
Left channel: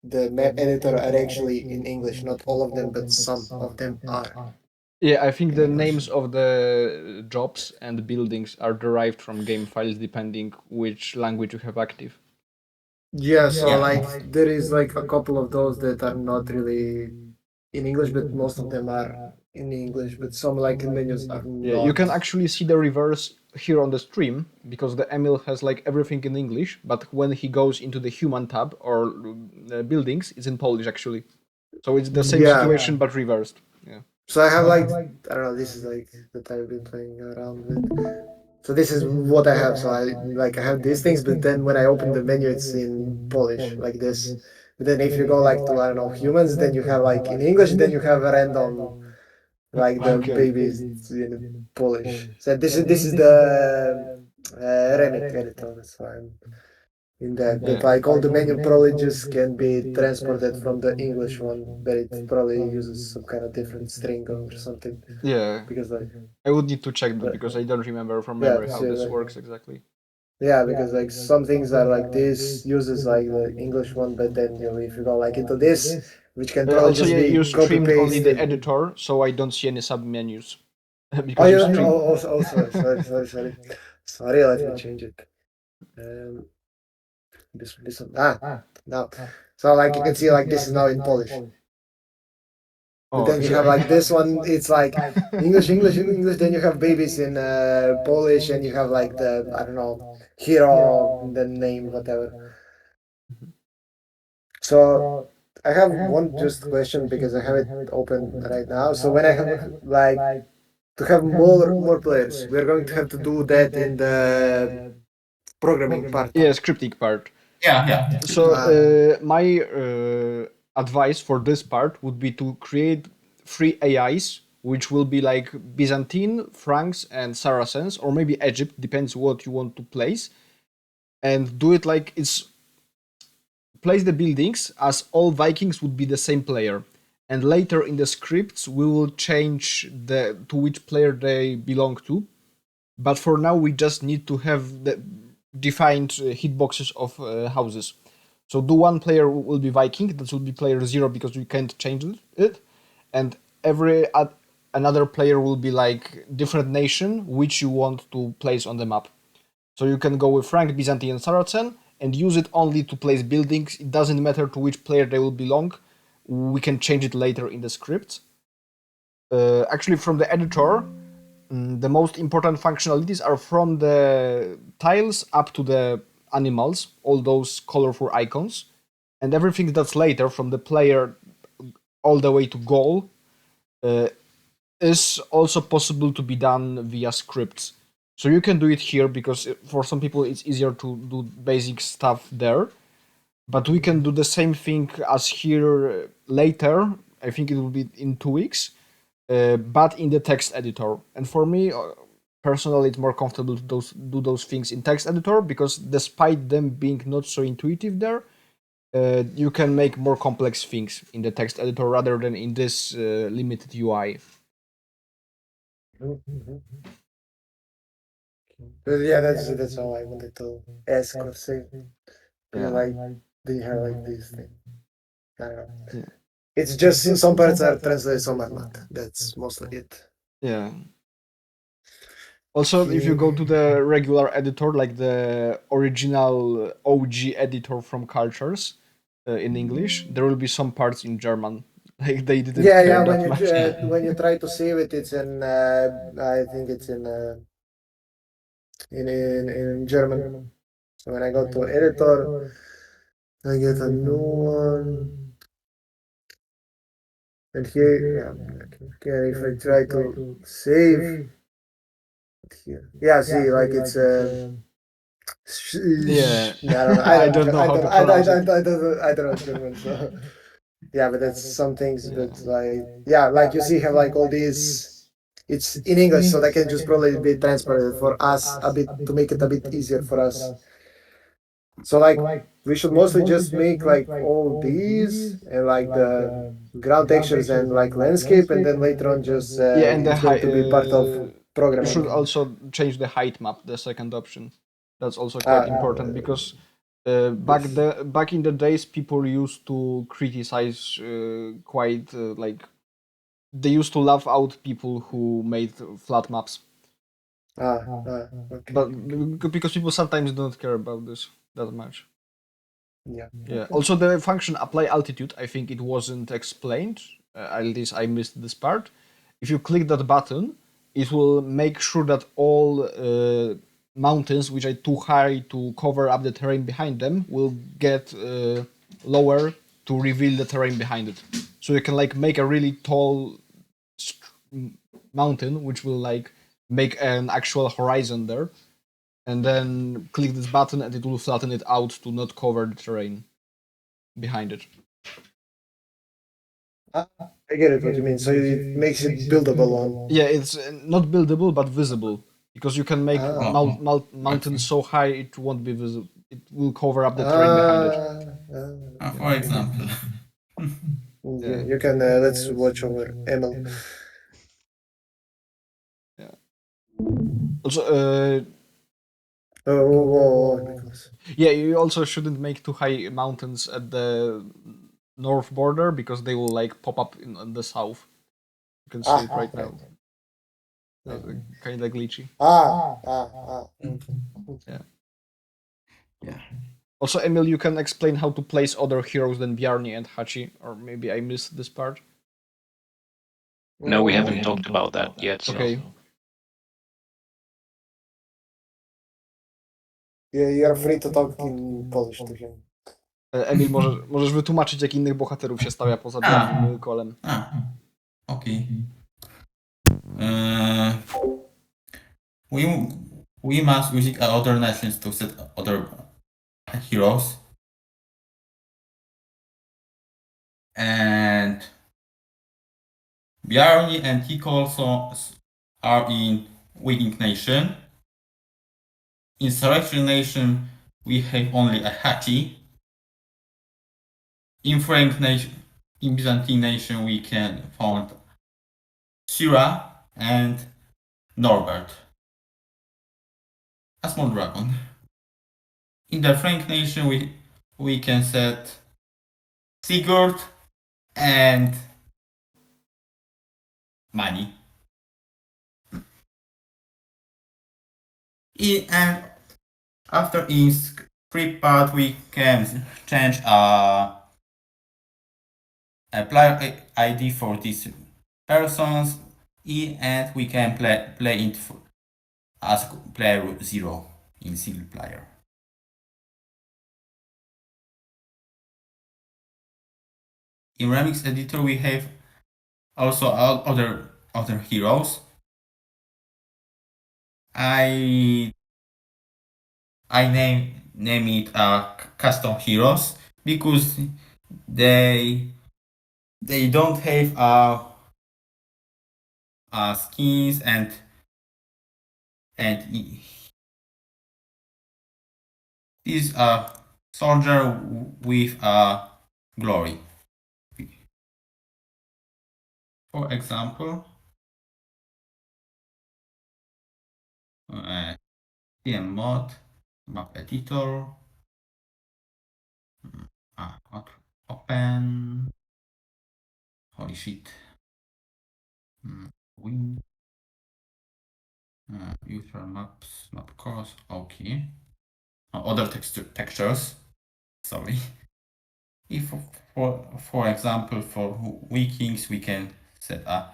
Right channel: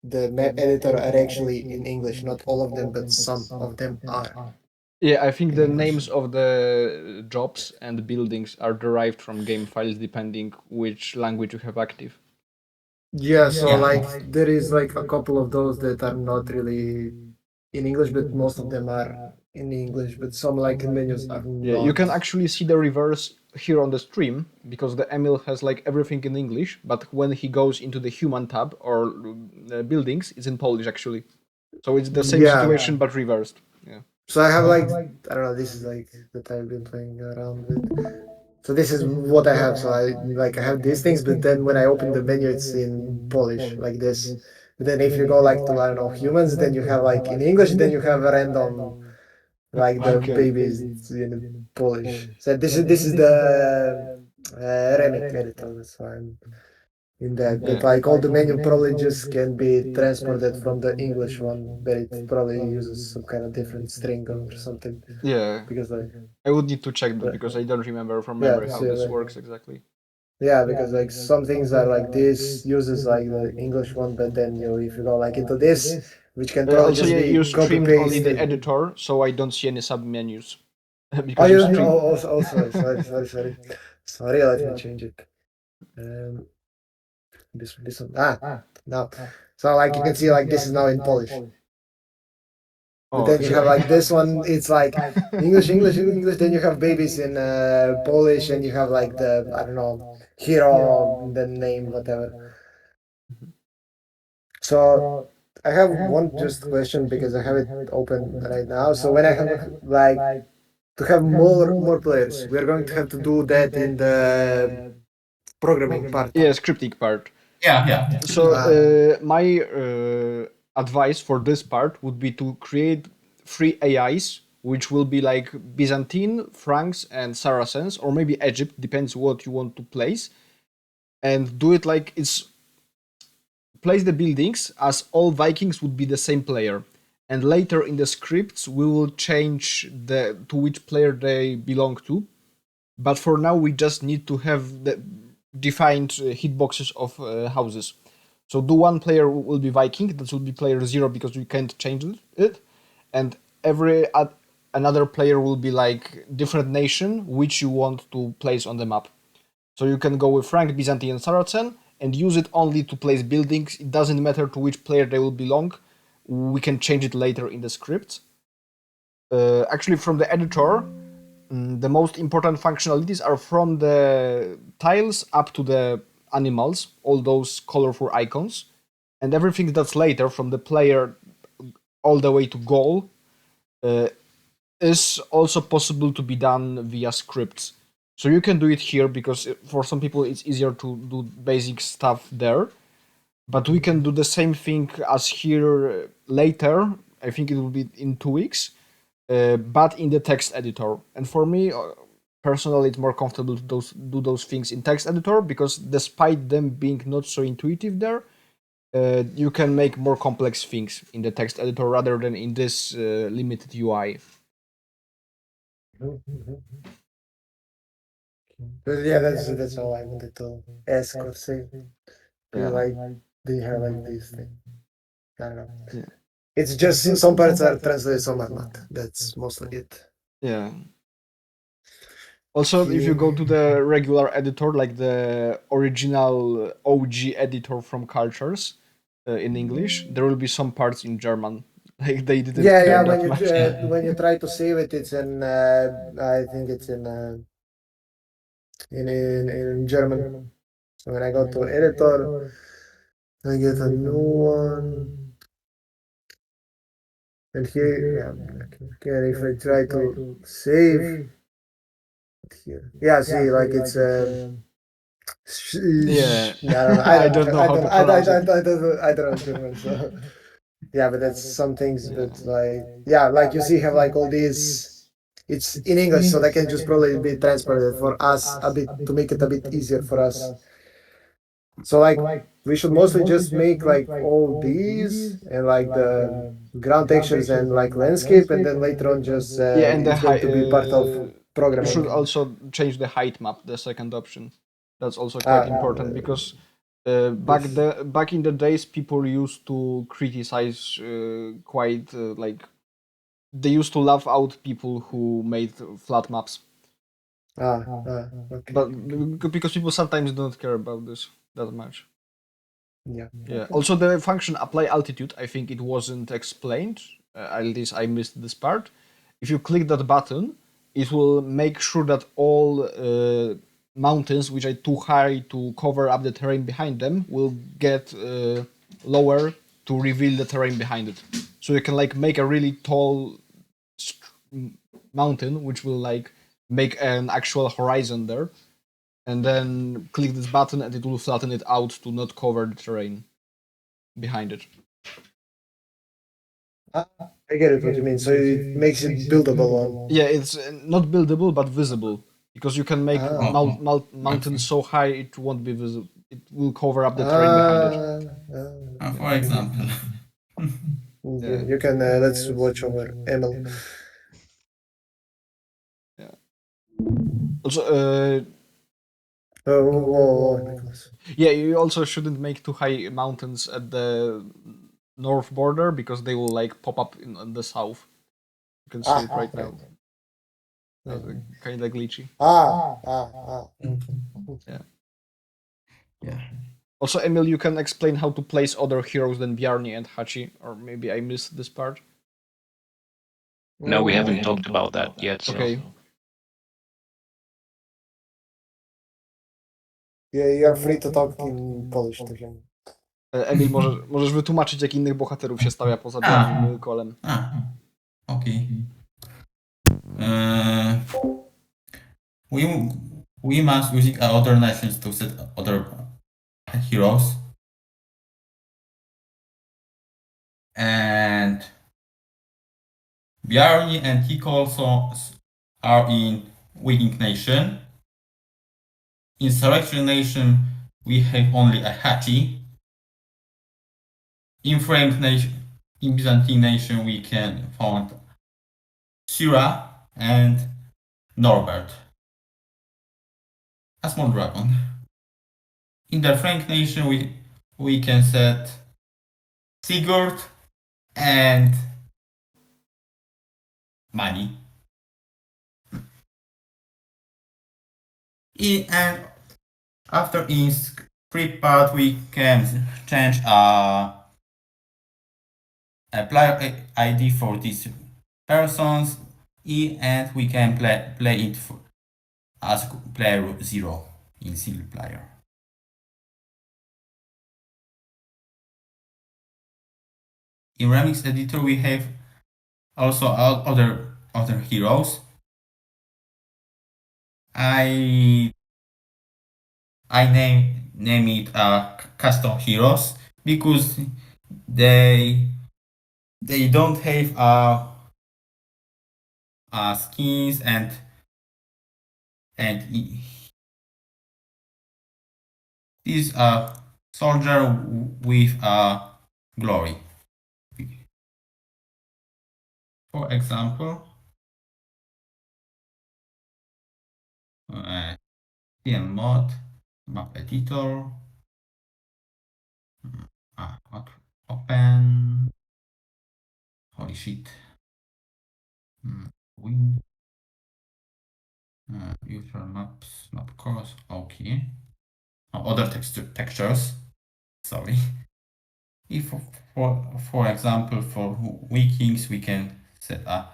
the map editor are actually in English. Not all of them, but some of them are. Yeah, I think the names of the jobs and buildings are derived from game files depending which language you have active. Yeah, so Yeah. like there is like a couple of those that are not really in English, but most of them are in English. But some like menus are Yeah, you can not. actually see the reverse here on the stream because the Emil has like everything in English, but when he goes into the human tab or buildings, it's in Polish actually. So it's the same Yeah. situation but reversed. Yeah. So I have like I don't know. This is like that I've been playing around with. So this is what I have. So I have these things, but then when I open the menu, it's in Polish like this. But then if you go like to I don't know humans, then you have like in English, then you have a random like the Okay. babies in Polish. So this is the Remake editor. That's why I'm in that. But Yeah. like all the menu probably just can be transported from the English one, but it probably uses some kind of different string or something. Yeah. Because like I would need to check that but, because I don't remember from yeah, memory how so this like works exactly. yeah, because like some things are like this uses like the English one, but then if you go like into this, which can probably Also, just yeah, you be copy streamed only the pasted. editor, so I don't see any submenus Oh, because you you stream. sorry. Let me change it. Um, this one. Now. So like you can see, like this is now in Polish. But Oh, then you have like this one. It's like English. Then you have babies in Polish, and you have like the I don't know hero, the name, whatever. So I have one just question because I have it open right now. So when I have like to have more players, we are going to have to do that in the programming part. yeah, scripting part. Yeah, yeah. So Ah, my advice for this part would be to create 3 AIs, which will be like Byzantine, Franks, and Saracens, or maybe Egypt, depends what you want to place, and do it like it's place the buildings as all Vikings would be the same player. And later in the scripts, we will change the to which player they belong to. But for now, we just need to have the defined hitboxes of houses. So do one player will be Viking, that will be player 0 because we can't change it, and every another player will be like different nation which you want to place on the map. So you can go with Frank, Byzantine, Saracen and use it only to place buildings. It doesn't matter to which player they will belong. We can change it later in the script. Actually, from the editor, the most important functionalities are from the tiles up to the animals, all those colorful icons, and everything that's later from the player all the way to goal uh, is also possible to be done via scripts. So you can do it here because for some people it's easier to do basic stuff there. But we can do the same thing as here later. I think it will be in 2 weeks, but in the text editor. And for me, personally, it's more comfortable to do those things in text editor because despite them being not so intuitive there, you can make more complex things in the text editor rather than in this limited UI. but yeah, that's all I wanted to ask or say. Because Yeah. like they have like this thing. I don't know. Yeah. It's just some parts are translated, some are not. That's mostly it. Yeah. Also, if you go Okay. to the regular editor, like the original OG editor from Cultures in English, there will be some parts in German. Like they didn't Yeah. care that much. When you try to save it, it's in I think it's in German. So when I go to editor, I get a new one, and here, okay, if I try to save here, yeah, see, like it's Yeah, yeah, I don't know, I don't know how to pronounce it. I don't know German, so yeah, but that's some things Yeah. that like yeah, like you see, have like all these. It's in English, so that can just probably be translated for us a bit to make it a bit easier for us. So like we should mostly just make like all these and like the ground textures and like landscape, and then later on just Yeah, and the it's going height. to be part of You should programming. also change the height map, the second option. That's also quite Ah, important because this back in the days, people used to criticize quite like they used to laugh out people who made flat maps, okay, but okay. because people sometimes don't care about this that much. Yeah, Yeah. okay. Also, the function apply altitude, I think it wasn't explained. At least I missed this part. If you click that button, it will make sure that all mountains which are too high to cover up the terrain behind them will get lower to reveal the terrain behind it. So you can like make a really tall mountain, which will like make an actual horizon there, and then click this button and it will flatten it out to not cover the terrain behind it. Ah, I get it what you mean. So it makes it buildable on. Yeah, it's not buildable but visible because you can make Ah, Oh, okay. mountains so high it won't be visible. it will cover up the terrain behind it. For example. Yeah. You can let's watch over ML. Yeah. Also, Nicholas. yeah, you also shouldn't make too high mountains at the north border because they will like pop up in the south. You can see it right now. Yeah. Kind of glitchy. Okay. Yeah. Yeah. Also, Emil, you can explain how to place other heroes than Bjarni and Hachi, or maybe I missed this part. No, we haven't Mm, talked about that yet. So Okay. yeah, you are free to talk in Polish to him. Emil, możesz wytłumaczyć, jak innych bohaterów się stawia poza Bjarnim i Kolem. Okay. We we must using other nations to set other heroes, and Bjarni and Hiko also are in Viking nation. In Selection nation, we have only a Hachi. In Frank nation, in Byzantine nation, we can find Syra and Norbert, a small dragon. In the Frank nation, we can set Sigurd and Mani. And after in script part, we can change a player ID for these persons, and we can play it as player 0 in single player. In Remix Editor, we have also other heroes. I name it custom heroes because they don't have skins and is a soldier with a glory. For example, TM mod, map editor, open, holy shit, win, user maps, map course, okay. Other textures, sorry. If for example for Vikings we can set a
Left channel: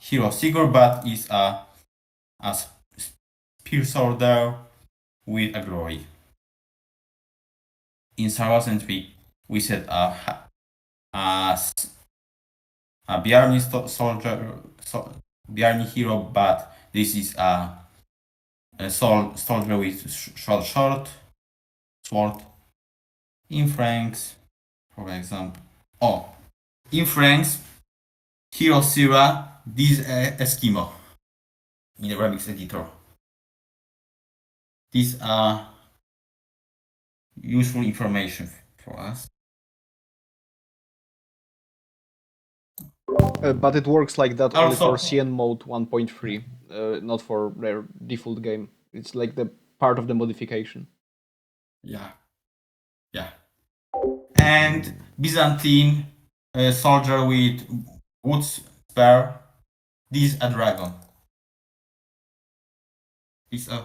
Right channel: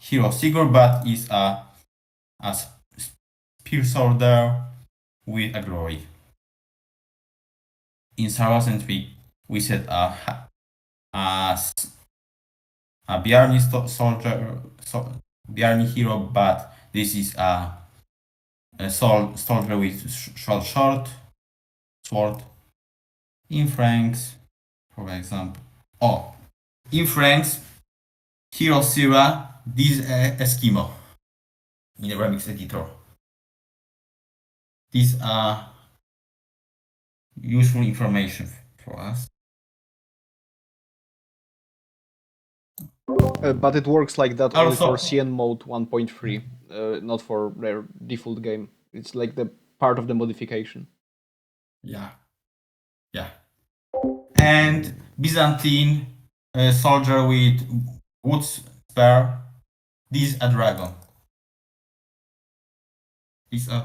hero Sigurd, but is a spear soldier with a glory. In Saracens we set a Bjarni soldier, Bjarni hero, but this is a soldier with short sword. In Franks, for example, in Franks, hero Sira, this Eskimo in the Remix editor. These are useful information for us. But it works like that only for Also, CN mode 1.3, not for their default game. It's like the part of the modification. yeah. And Byzantine soldier with wood spear. This is a dragon. This is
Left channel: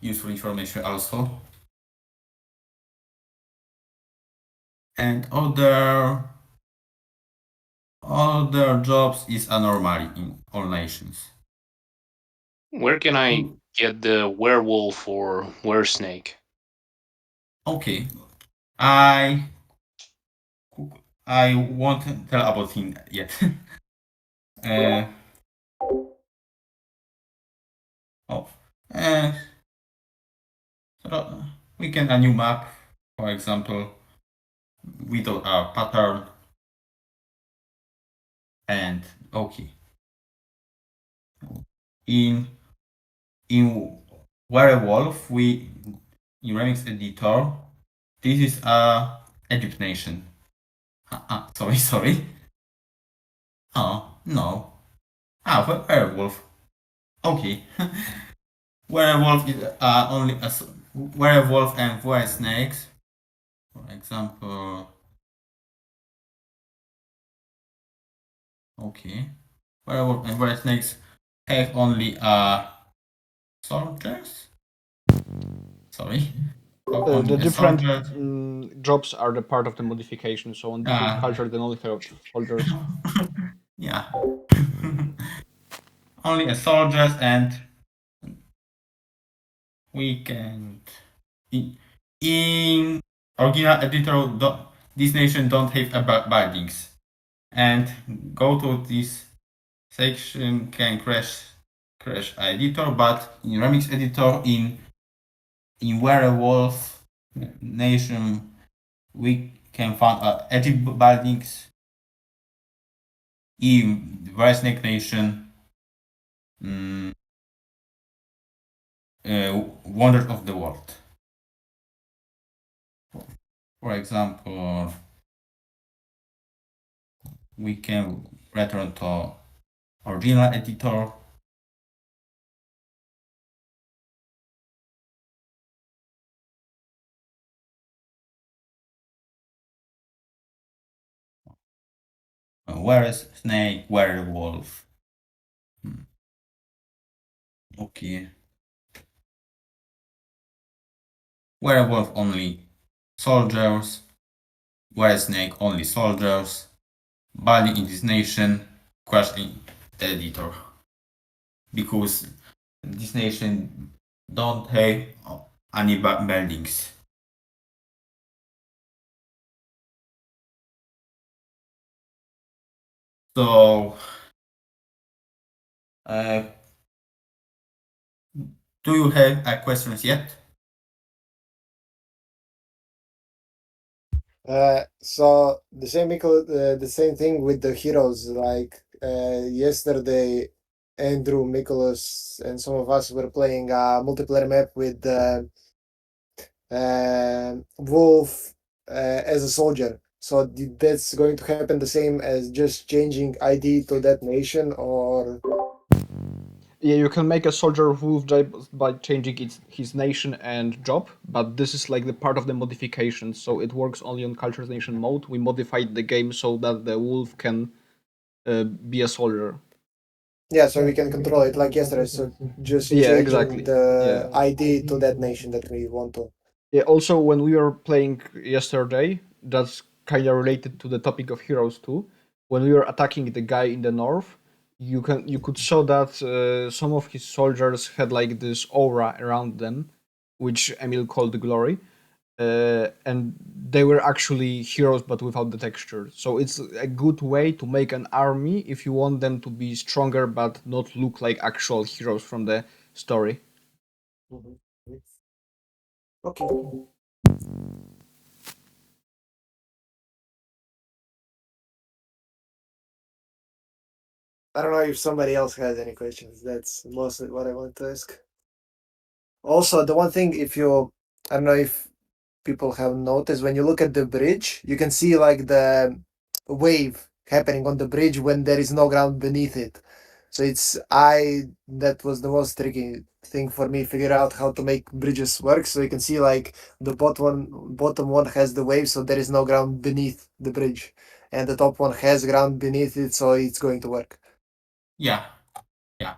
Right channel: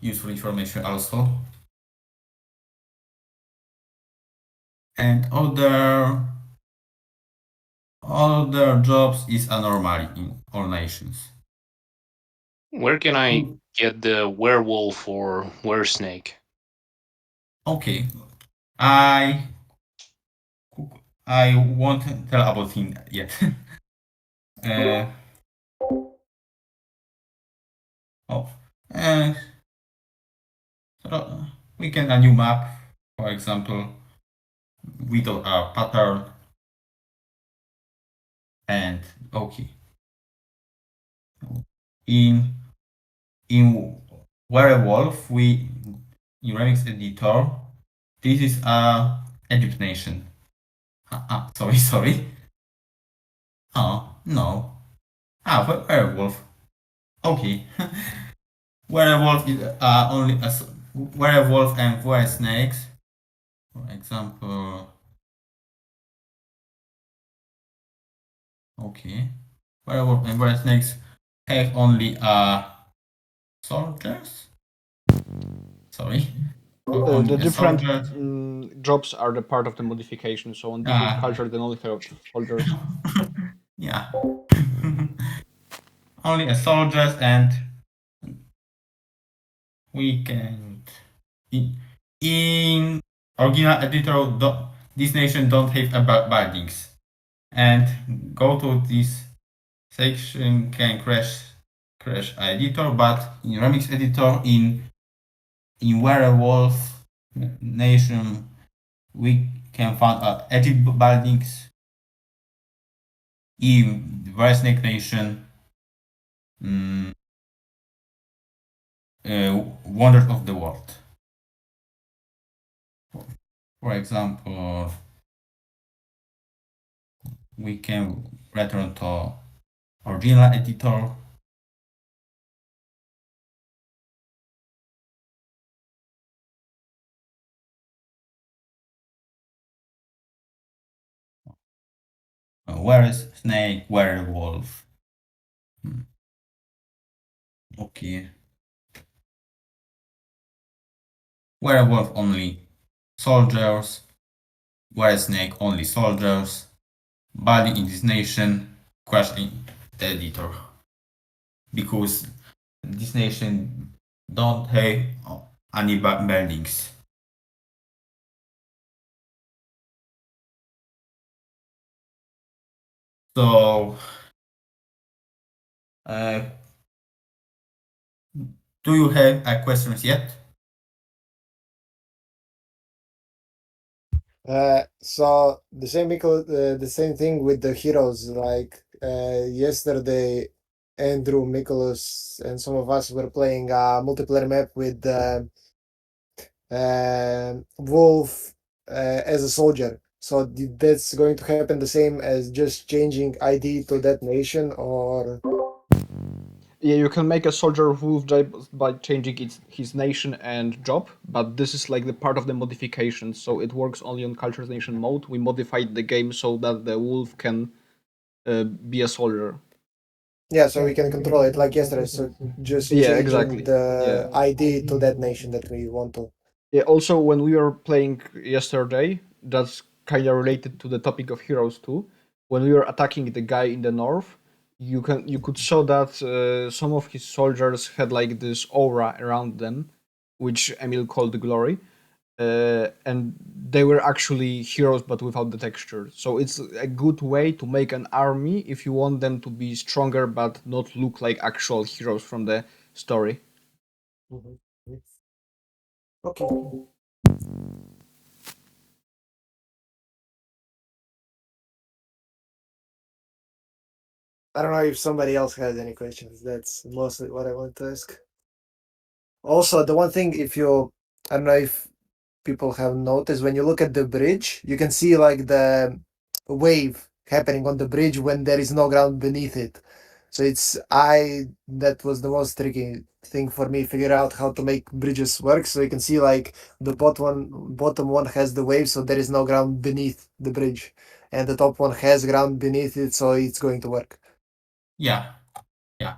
useful information also. And other jobs is a normally in all nations. where can I get the werewolf or weresnake? Okay, I won't tell about him yet. uh, oh, uh, so we can a new map, for example, with a pattern, and okay. In werewolf, we in Remix Editor, this is a Egypt nation. Sorry, sorry. Oh, no. Werewolf. Okay. Werewolf is only a werewolf and were snakes. For example, okay. Werewolf and were snakes have only soldiers. Sorry. Only The a different soldier. jobs are the part of the modification. So on different Uh, cultures, they only have soldiers. yeah. Only a soldiers and we can in original editor this nation don't have a bindings and go to this section can crash editor, but in remix editor in werewolf nation we can find edit bindings in snake nation, mm, wonders of the world. For example, we can return to original editor. Where is snake, werewolf? Okay. Werewolf only soldiers. Were snake only soldiers. Body in this nation. Crash in the editor. Because this nation don't have any buildings. So, uh, do you have questions yet? So the same the same thing with the heroes. Like yesterday, Andrew, Nicholas, and some of us were playing a multiplayer map with Wolf as a soldier. So that's going to happen the same as just changing ID to that nation, or Yeah, you can make a soldier wolf by changing his nation and job, but this is like the part of the modification, so it works only on Cultures Nation mode. We modified the game so that the wolf can be a soldier. yeah, so we can control it like yesterday. So just Yeah, changing exactly. the Yeah. ID to that nation that we want to. Yeah, also, when we were playing yesterday, that's kind of related to the topic of heroes too. When we were attacking the guy in the north, you could show that some of his soldiers had like this aura around them, which Emil called the glory, and they were actually heroes but without the texture. So it's a good way to make an army if you want them to be stronger but not look like actual heroes from the story. Mhm. Okay. I don't know if somebody else has any questions. That's mostly what I want to ask. Also, the one thing, if you, I don't know if people have noticed, when you look at the bridge, you can see like the wave happening on the bridge when there is no ground beneath it. So that was the most tricky thing for me, figure out how to make bridges work. So you can see like the bottom one has the wave, so there is no ground beneath the bridge, and the top one has ground beneath it, so it's going to work. Yeah, yeah.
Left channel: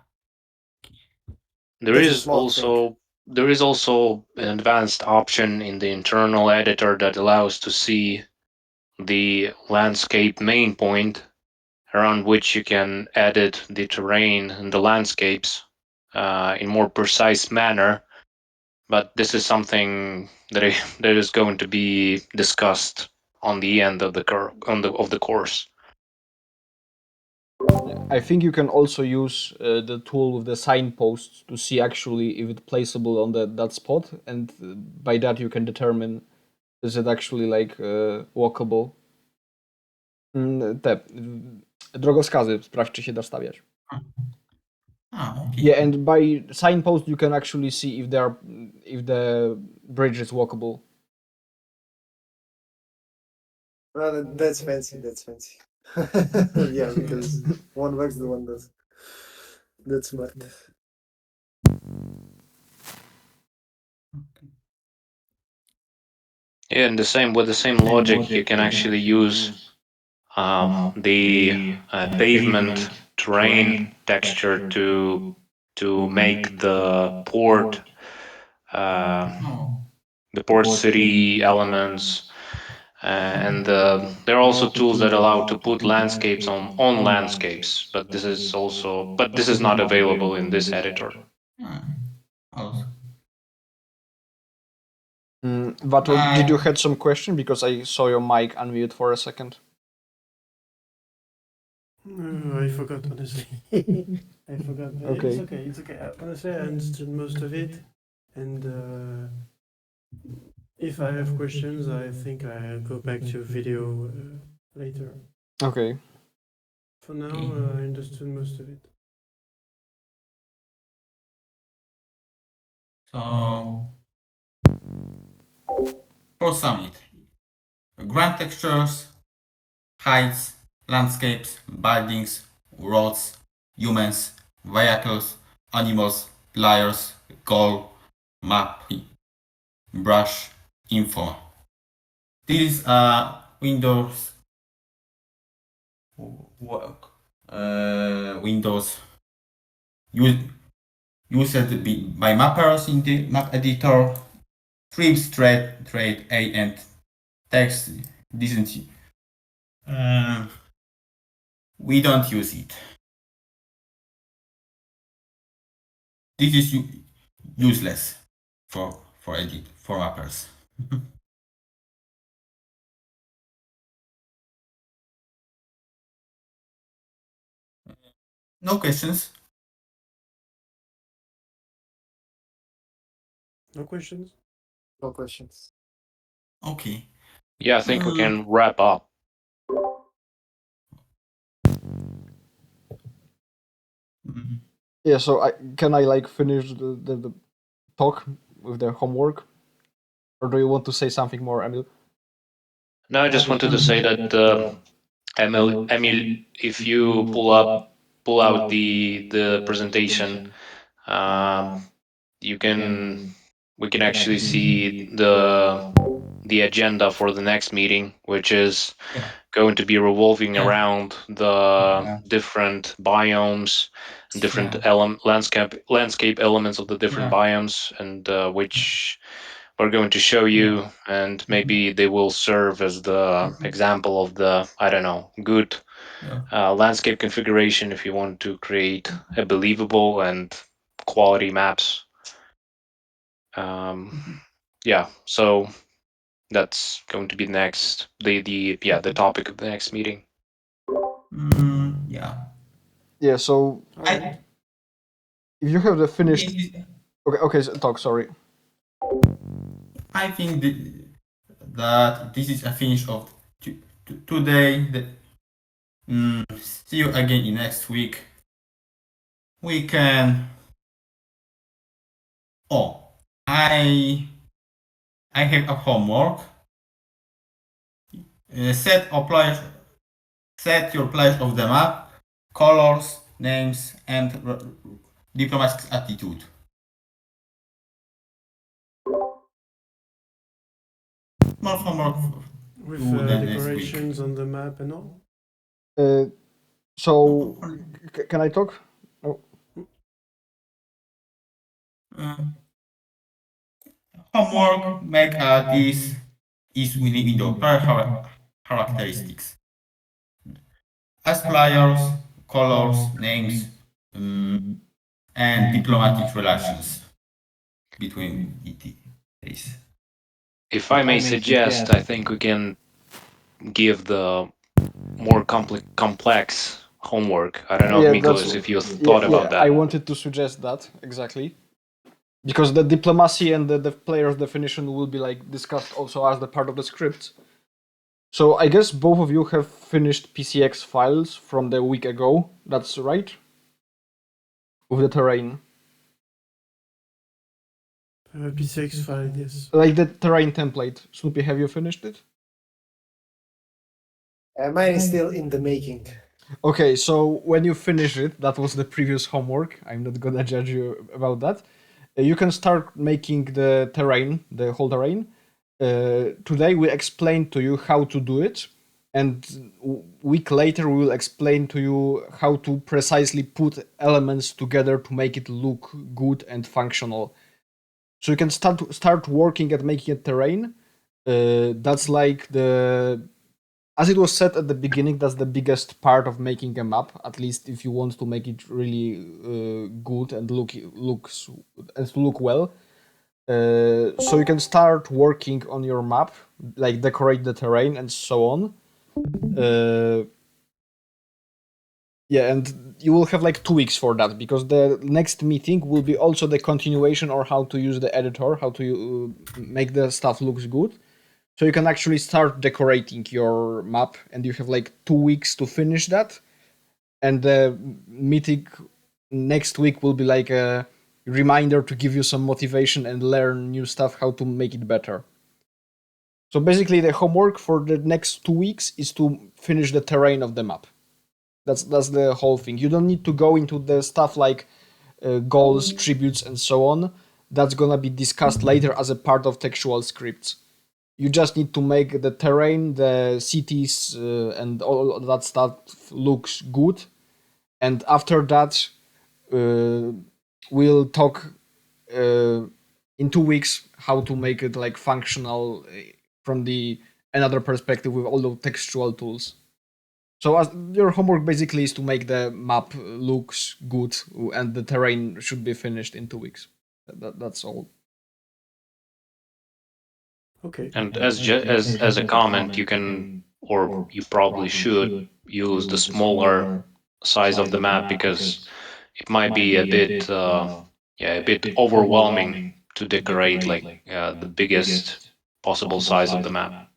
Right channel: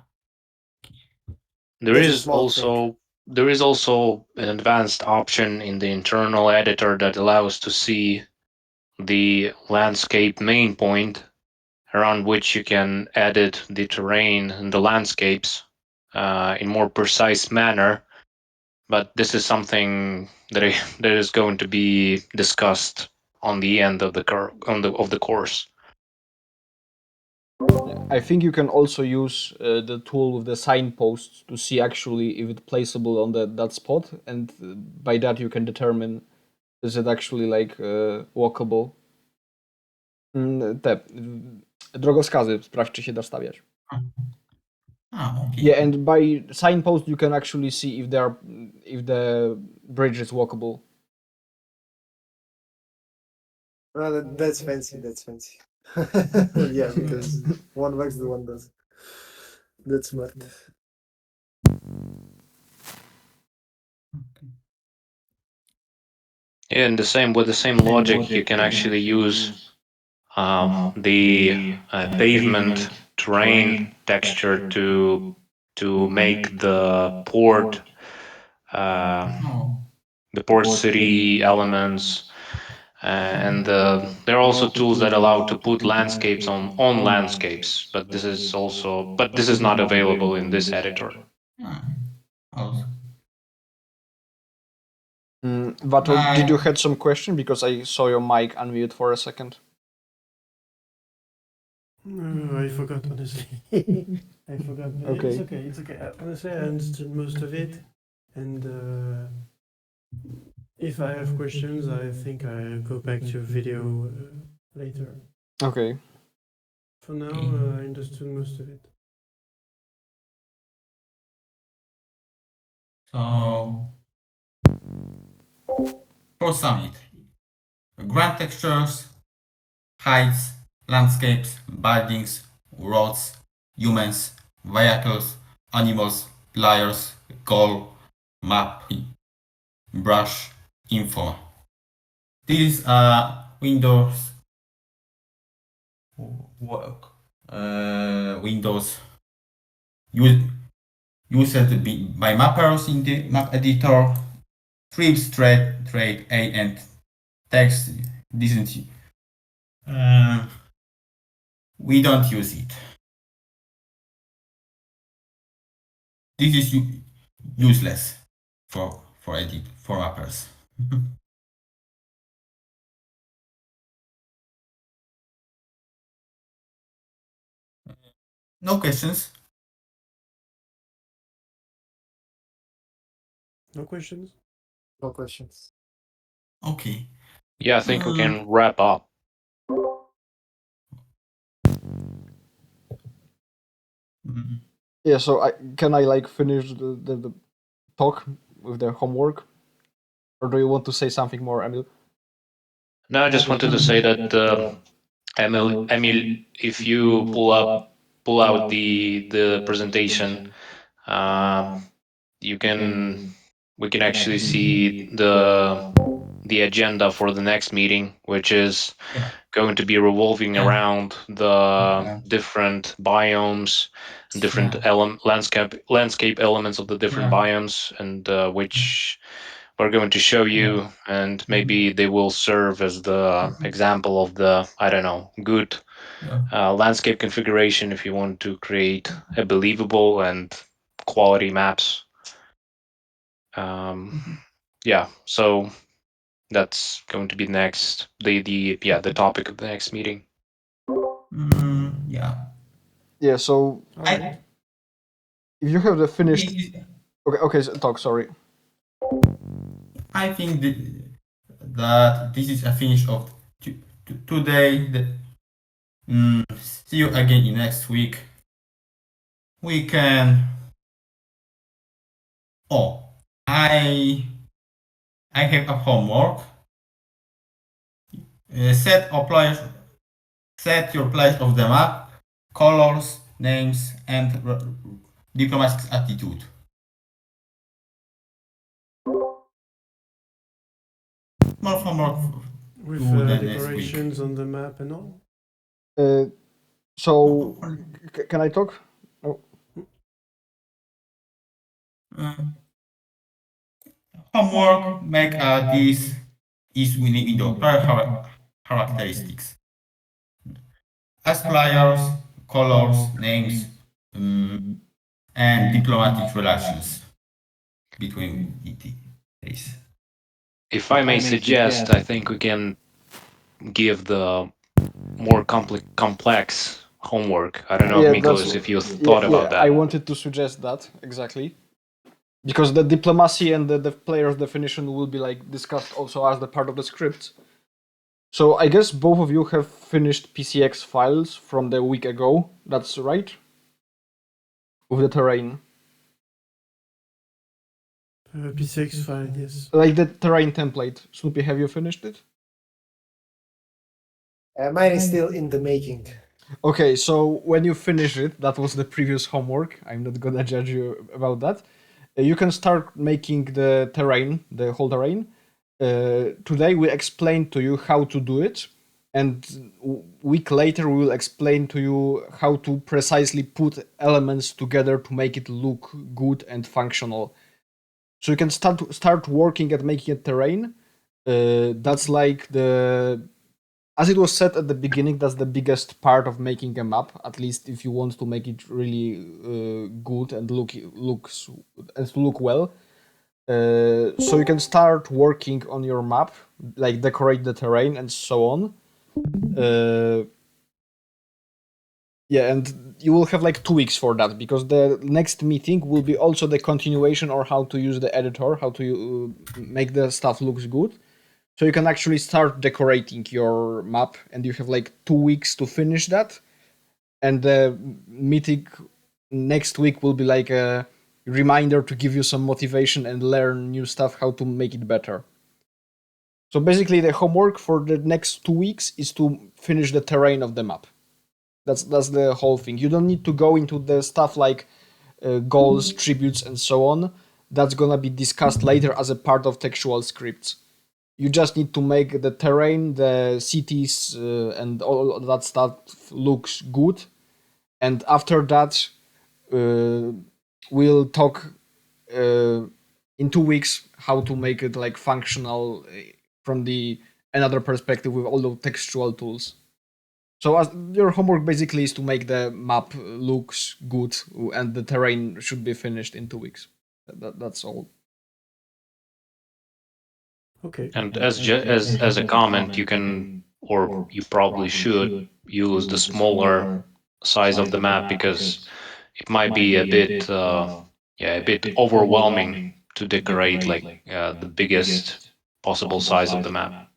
There That's a is small thing. also there is also an advanced option in the internal editor that allows to see the landscape main point around which you can edit the terrain and the landscapes in more precise manner. But this is something that is going to be discussed on the end of the of the course. I think you can also use the tool with the signposts to see actually if it's placeable on that spot, and by that you can determine is it actually like walkable. Te drogowskazy, sprawdź czy się da stawiać. Okay. Yeah, and by signpost you can actually see if the bridge is walkable. Well, that's fancy. That's fancy. Yeah, because one works, the one doesn't. That's smart. Yeah, and with the same logic, you can actually use the pavement terrain texture to make uh, Oh, the port city elements. And there are also tools that allow to put landscapes on landscapes, but this is not available in this editor. ah, also. Vato, did you I had some question because I saw your mic unmute for a second? I forgot, honestly. I forgot, but it's Okay. okay. It's okay. Honestly, I understood most of it, and if I have questions, I think I'll go back to video later. Okay. For now, okay. I understood most of it. So for summit, ground textures, heights, landscapes, buildings, roads, humans, vehicles, animals, players, goal, map, brush, info. These are Windows work. Windows used by mappers in the map editor. Trips, trade, A, and text. Didn't uh, we don't use it. This is useless for edit for mappers. No questions. No questions? No questions. Okay. Yeah, I think we Uh, can wrap up. mm, Yeah, so can I like finish the talk with the homework? Or do you want to say something more, Emil? No, I just wanted to say that Emil, if you pull out the presentation, um, you can we can actually see the agenda for the next meeting, which is yeah. going to be revolving Yeah. around the Yeah. different biomes and different Yeah. landscape elements of the different Yeah. biomes, and which we're going to show Yeah. you, and maybe they will serve as the example of the, I don't know, good Yeah. landscape configuration if you want to create a believable and quality maps. Um, yeah, so that's going to be next the topic of the next meeting. Yeah. Yeah, so All right. I if you have the finished. think Okay, so talk, sorry. I think that this is a finish of today. See you again in next week. We can. Oh, I I have a homework. Set your place of the map, colors, names, and diplomatic attitude. More homework With to the next week. decorations on the map and all? Uh, so can I talk? Oh, Uh, Homework make this is window characteristics as players, colors, names, um, and diplomatic relations between entities. If I may suggest, I think we can give the more complex homework. I don't know, yeah, that's Miklos, if you yeah, thought yeah. about I that. wanted to suggest that exactly because the diplomacy and the player's definition will be like discussed also as the part of the script. So I guess both of you have finished PCX files from the week ago. That's right. with the terrain. PCX file, yes. Like the terrain template. Snoopy, have you finished it? Mine is still in the making. Okay, so when you finish it, that was the previous homework. I'm not gonna judge you about that. You can start making the terrain, the whole terrain. Today we explained to you how to do it, and week later we will explain to you how to precisely put elements together to make it look good and functional. So you can start working at making a terrain. That's like the, as it was said at the beginning, that's the biggest part of making a map. At least if you want to make it really good and looks and to look well. So you can start working on your map, like decorate the terrain and so on. Uh, yeah, and you will have like 2 weeks for that, because the next meeting will be also the continuation or how to use the editor, how to make the stuff looks good. So you can actually start decorating your map, and you have like 2 weeks to finish that. And the meeting next week will be like a reminder to give you some motivation and learn new stuff how to make it better. So basically, the homework for the next 2 weeks is to finish the terrain of the map. That's the whole thing. You don't need to go into the stuff like goals, tributes, and so on. That's gonna be discussed later as a part of textual scripts. You just need to make the terrain, the cities, and all of that stuff looks good. And after that, we'll talk in 2 weeks how to make it like functional from the another perspective with all the textual tools. So as your homework basically is to make the map looks good, and the terrain should be finished in 2 weeks. That's all. Okay. And as a comment, you can, or you probably should, use the smaller size of the map, because it might be a bit a bit overwhelming to decorate like the biggest possible size of the map,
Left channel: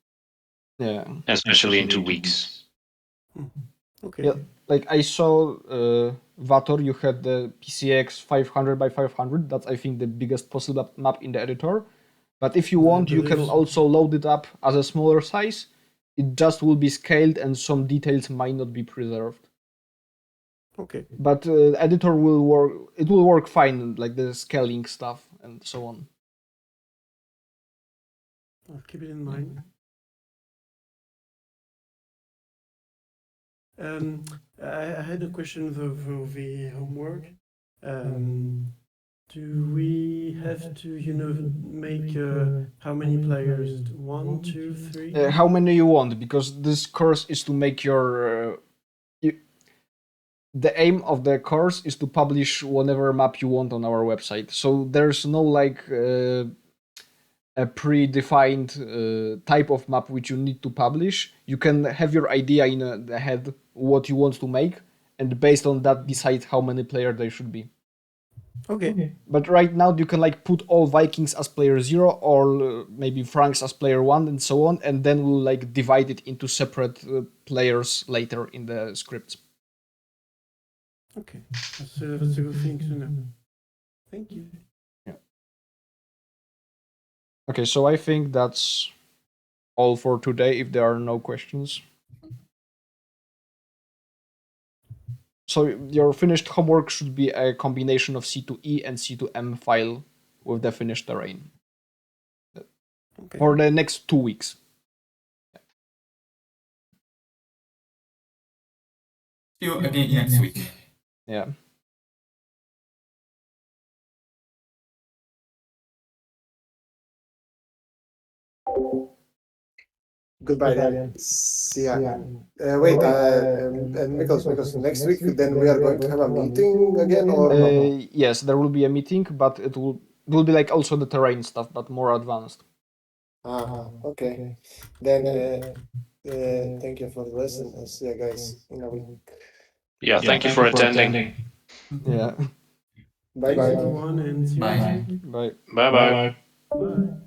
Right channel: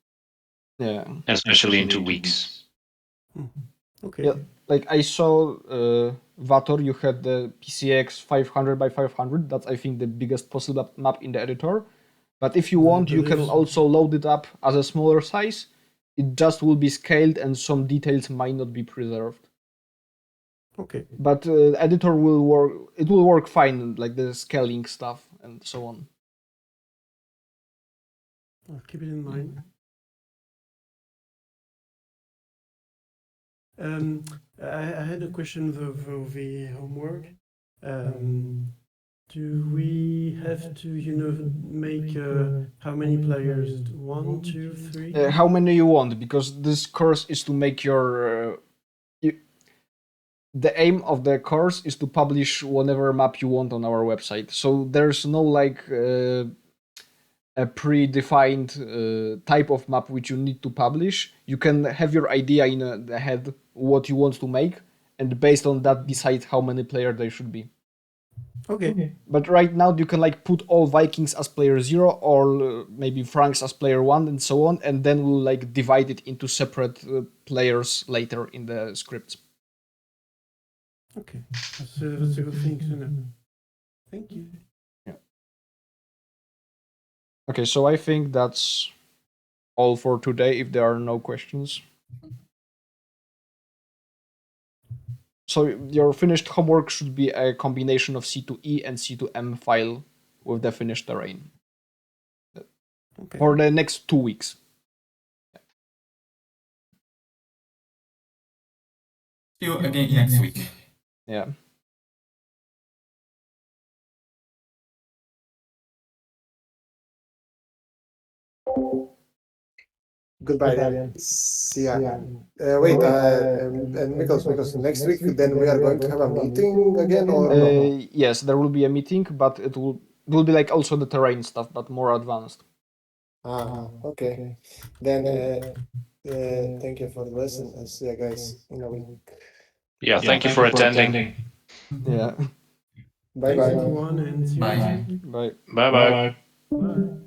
Yeah. especially in 2 weeks. Okay. Yeah, like I saw Vator, you had the PCX 500 by 500. That's I think the biggest possible map in the editor. But if you want, you can also load it up as a smaller size. It just will be scaled and some details might not be preserved. Okay. But editor will work. It will work fine, like the scaling stuff and so on. I'll keep it in mind. I had a question for the homework. Do we have to, make how many players? 1, 2, 3? How many you want? Because this course is to make your. The aim of the course is to publish whatever map you want on our website. So there's no like a predefined type of map which you need to publish. You can have your idea in the head what you want to make, and based on that decide how many players there should be. Okay. But right now you can like put all Vikings as player 0 or maybe Franks as player 1 and so on, and then we'll like divide it into separate players later in the scripts. Okay. That's a good thing to know. Thank you. Yeah. Okay, so I think that's all for today if there are no questions. So your finished homework should be a combination of C2E and C2M file with the finished terrain. Okay. For the next 2 weeks. See you again next week. Yeah. Goodbye then. See ya. Wait, and Miklos, next week then we are going to have a meeting again or no? Yes, there will be a meeting, but it will be like also the terrain stuff, but more advanced. Okay. Then thank you for the lesson and see you guys in a week. Yeah, thank you for attending. Yeah. Bye Thanks bye. everyone, and see you next Bye. week. Bye. Bye bye. Bye.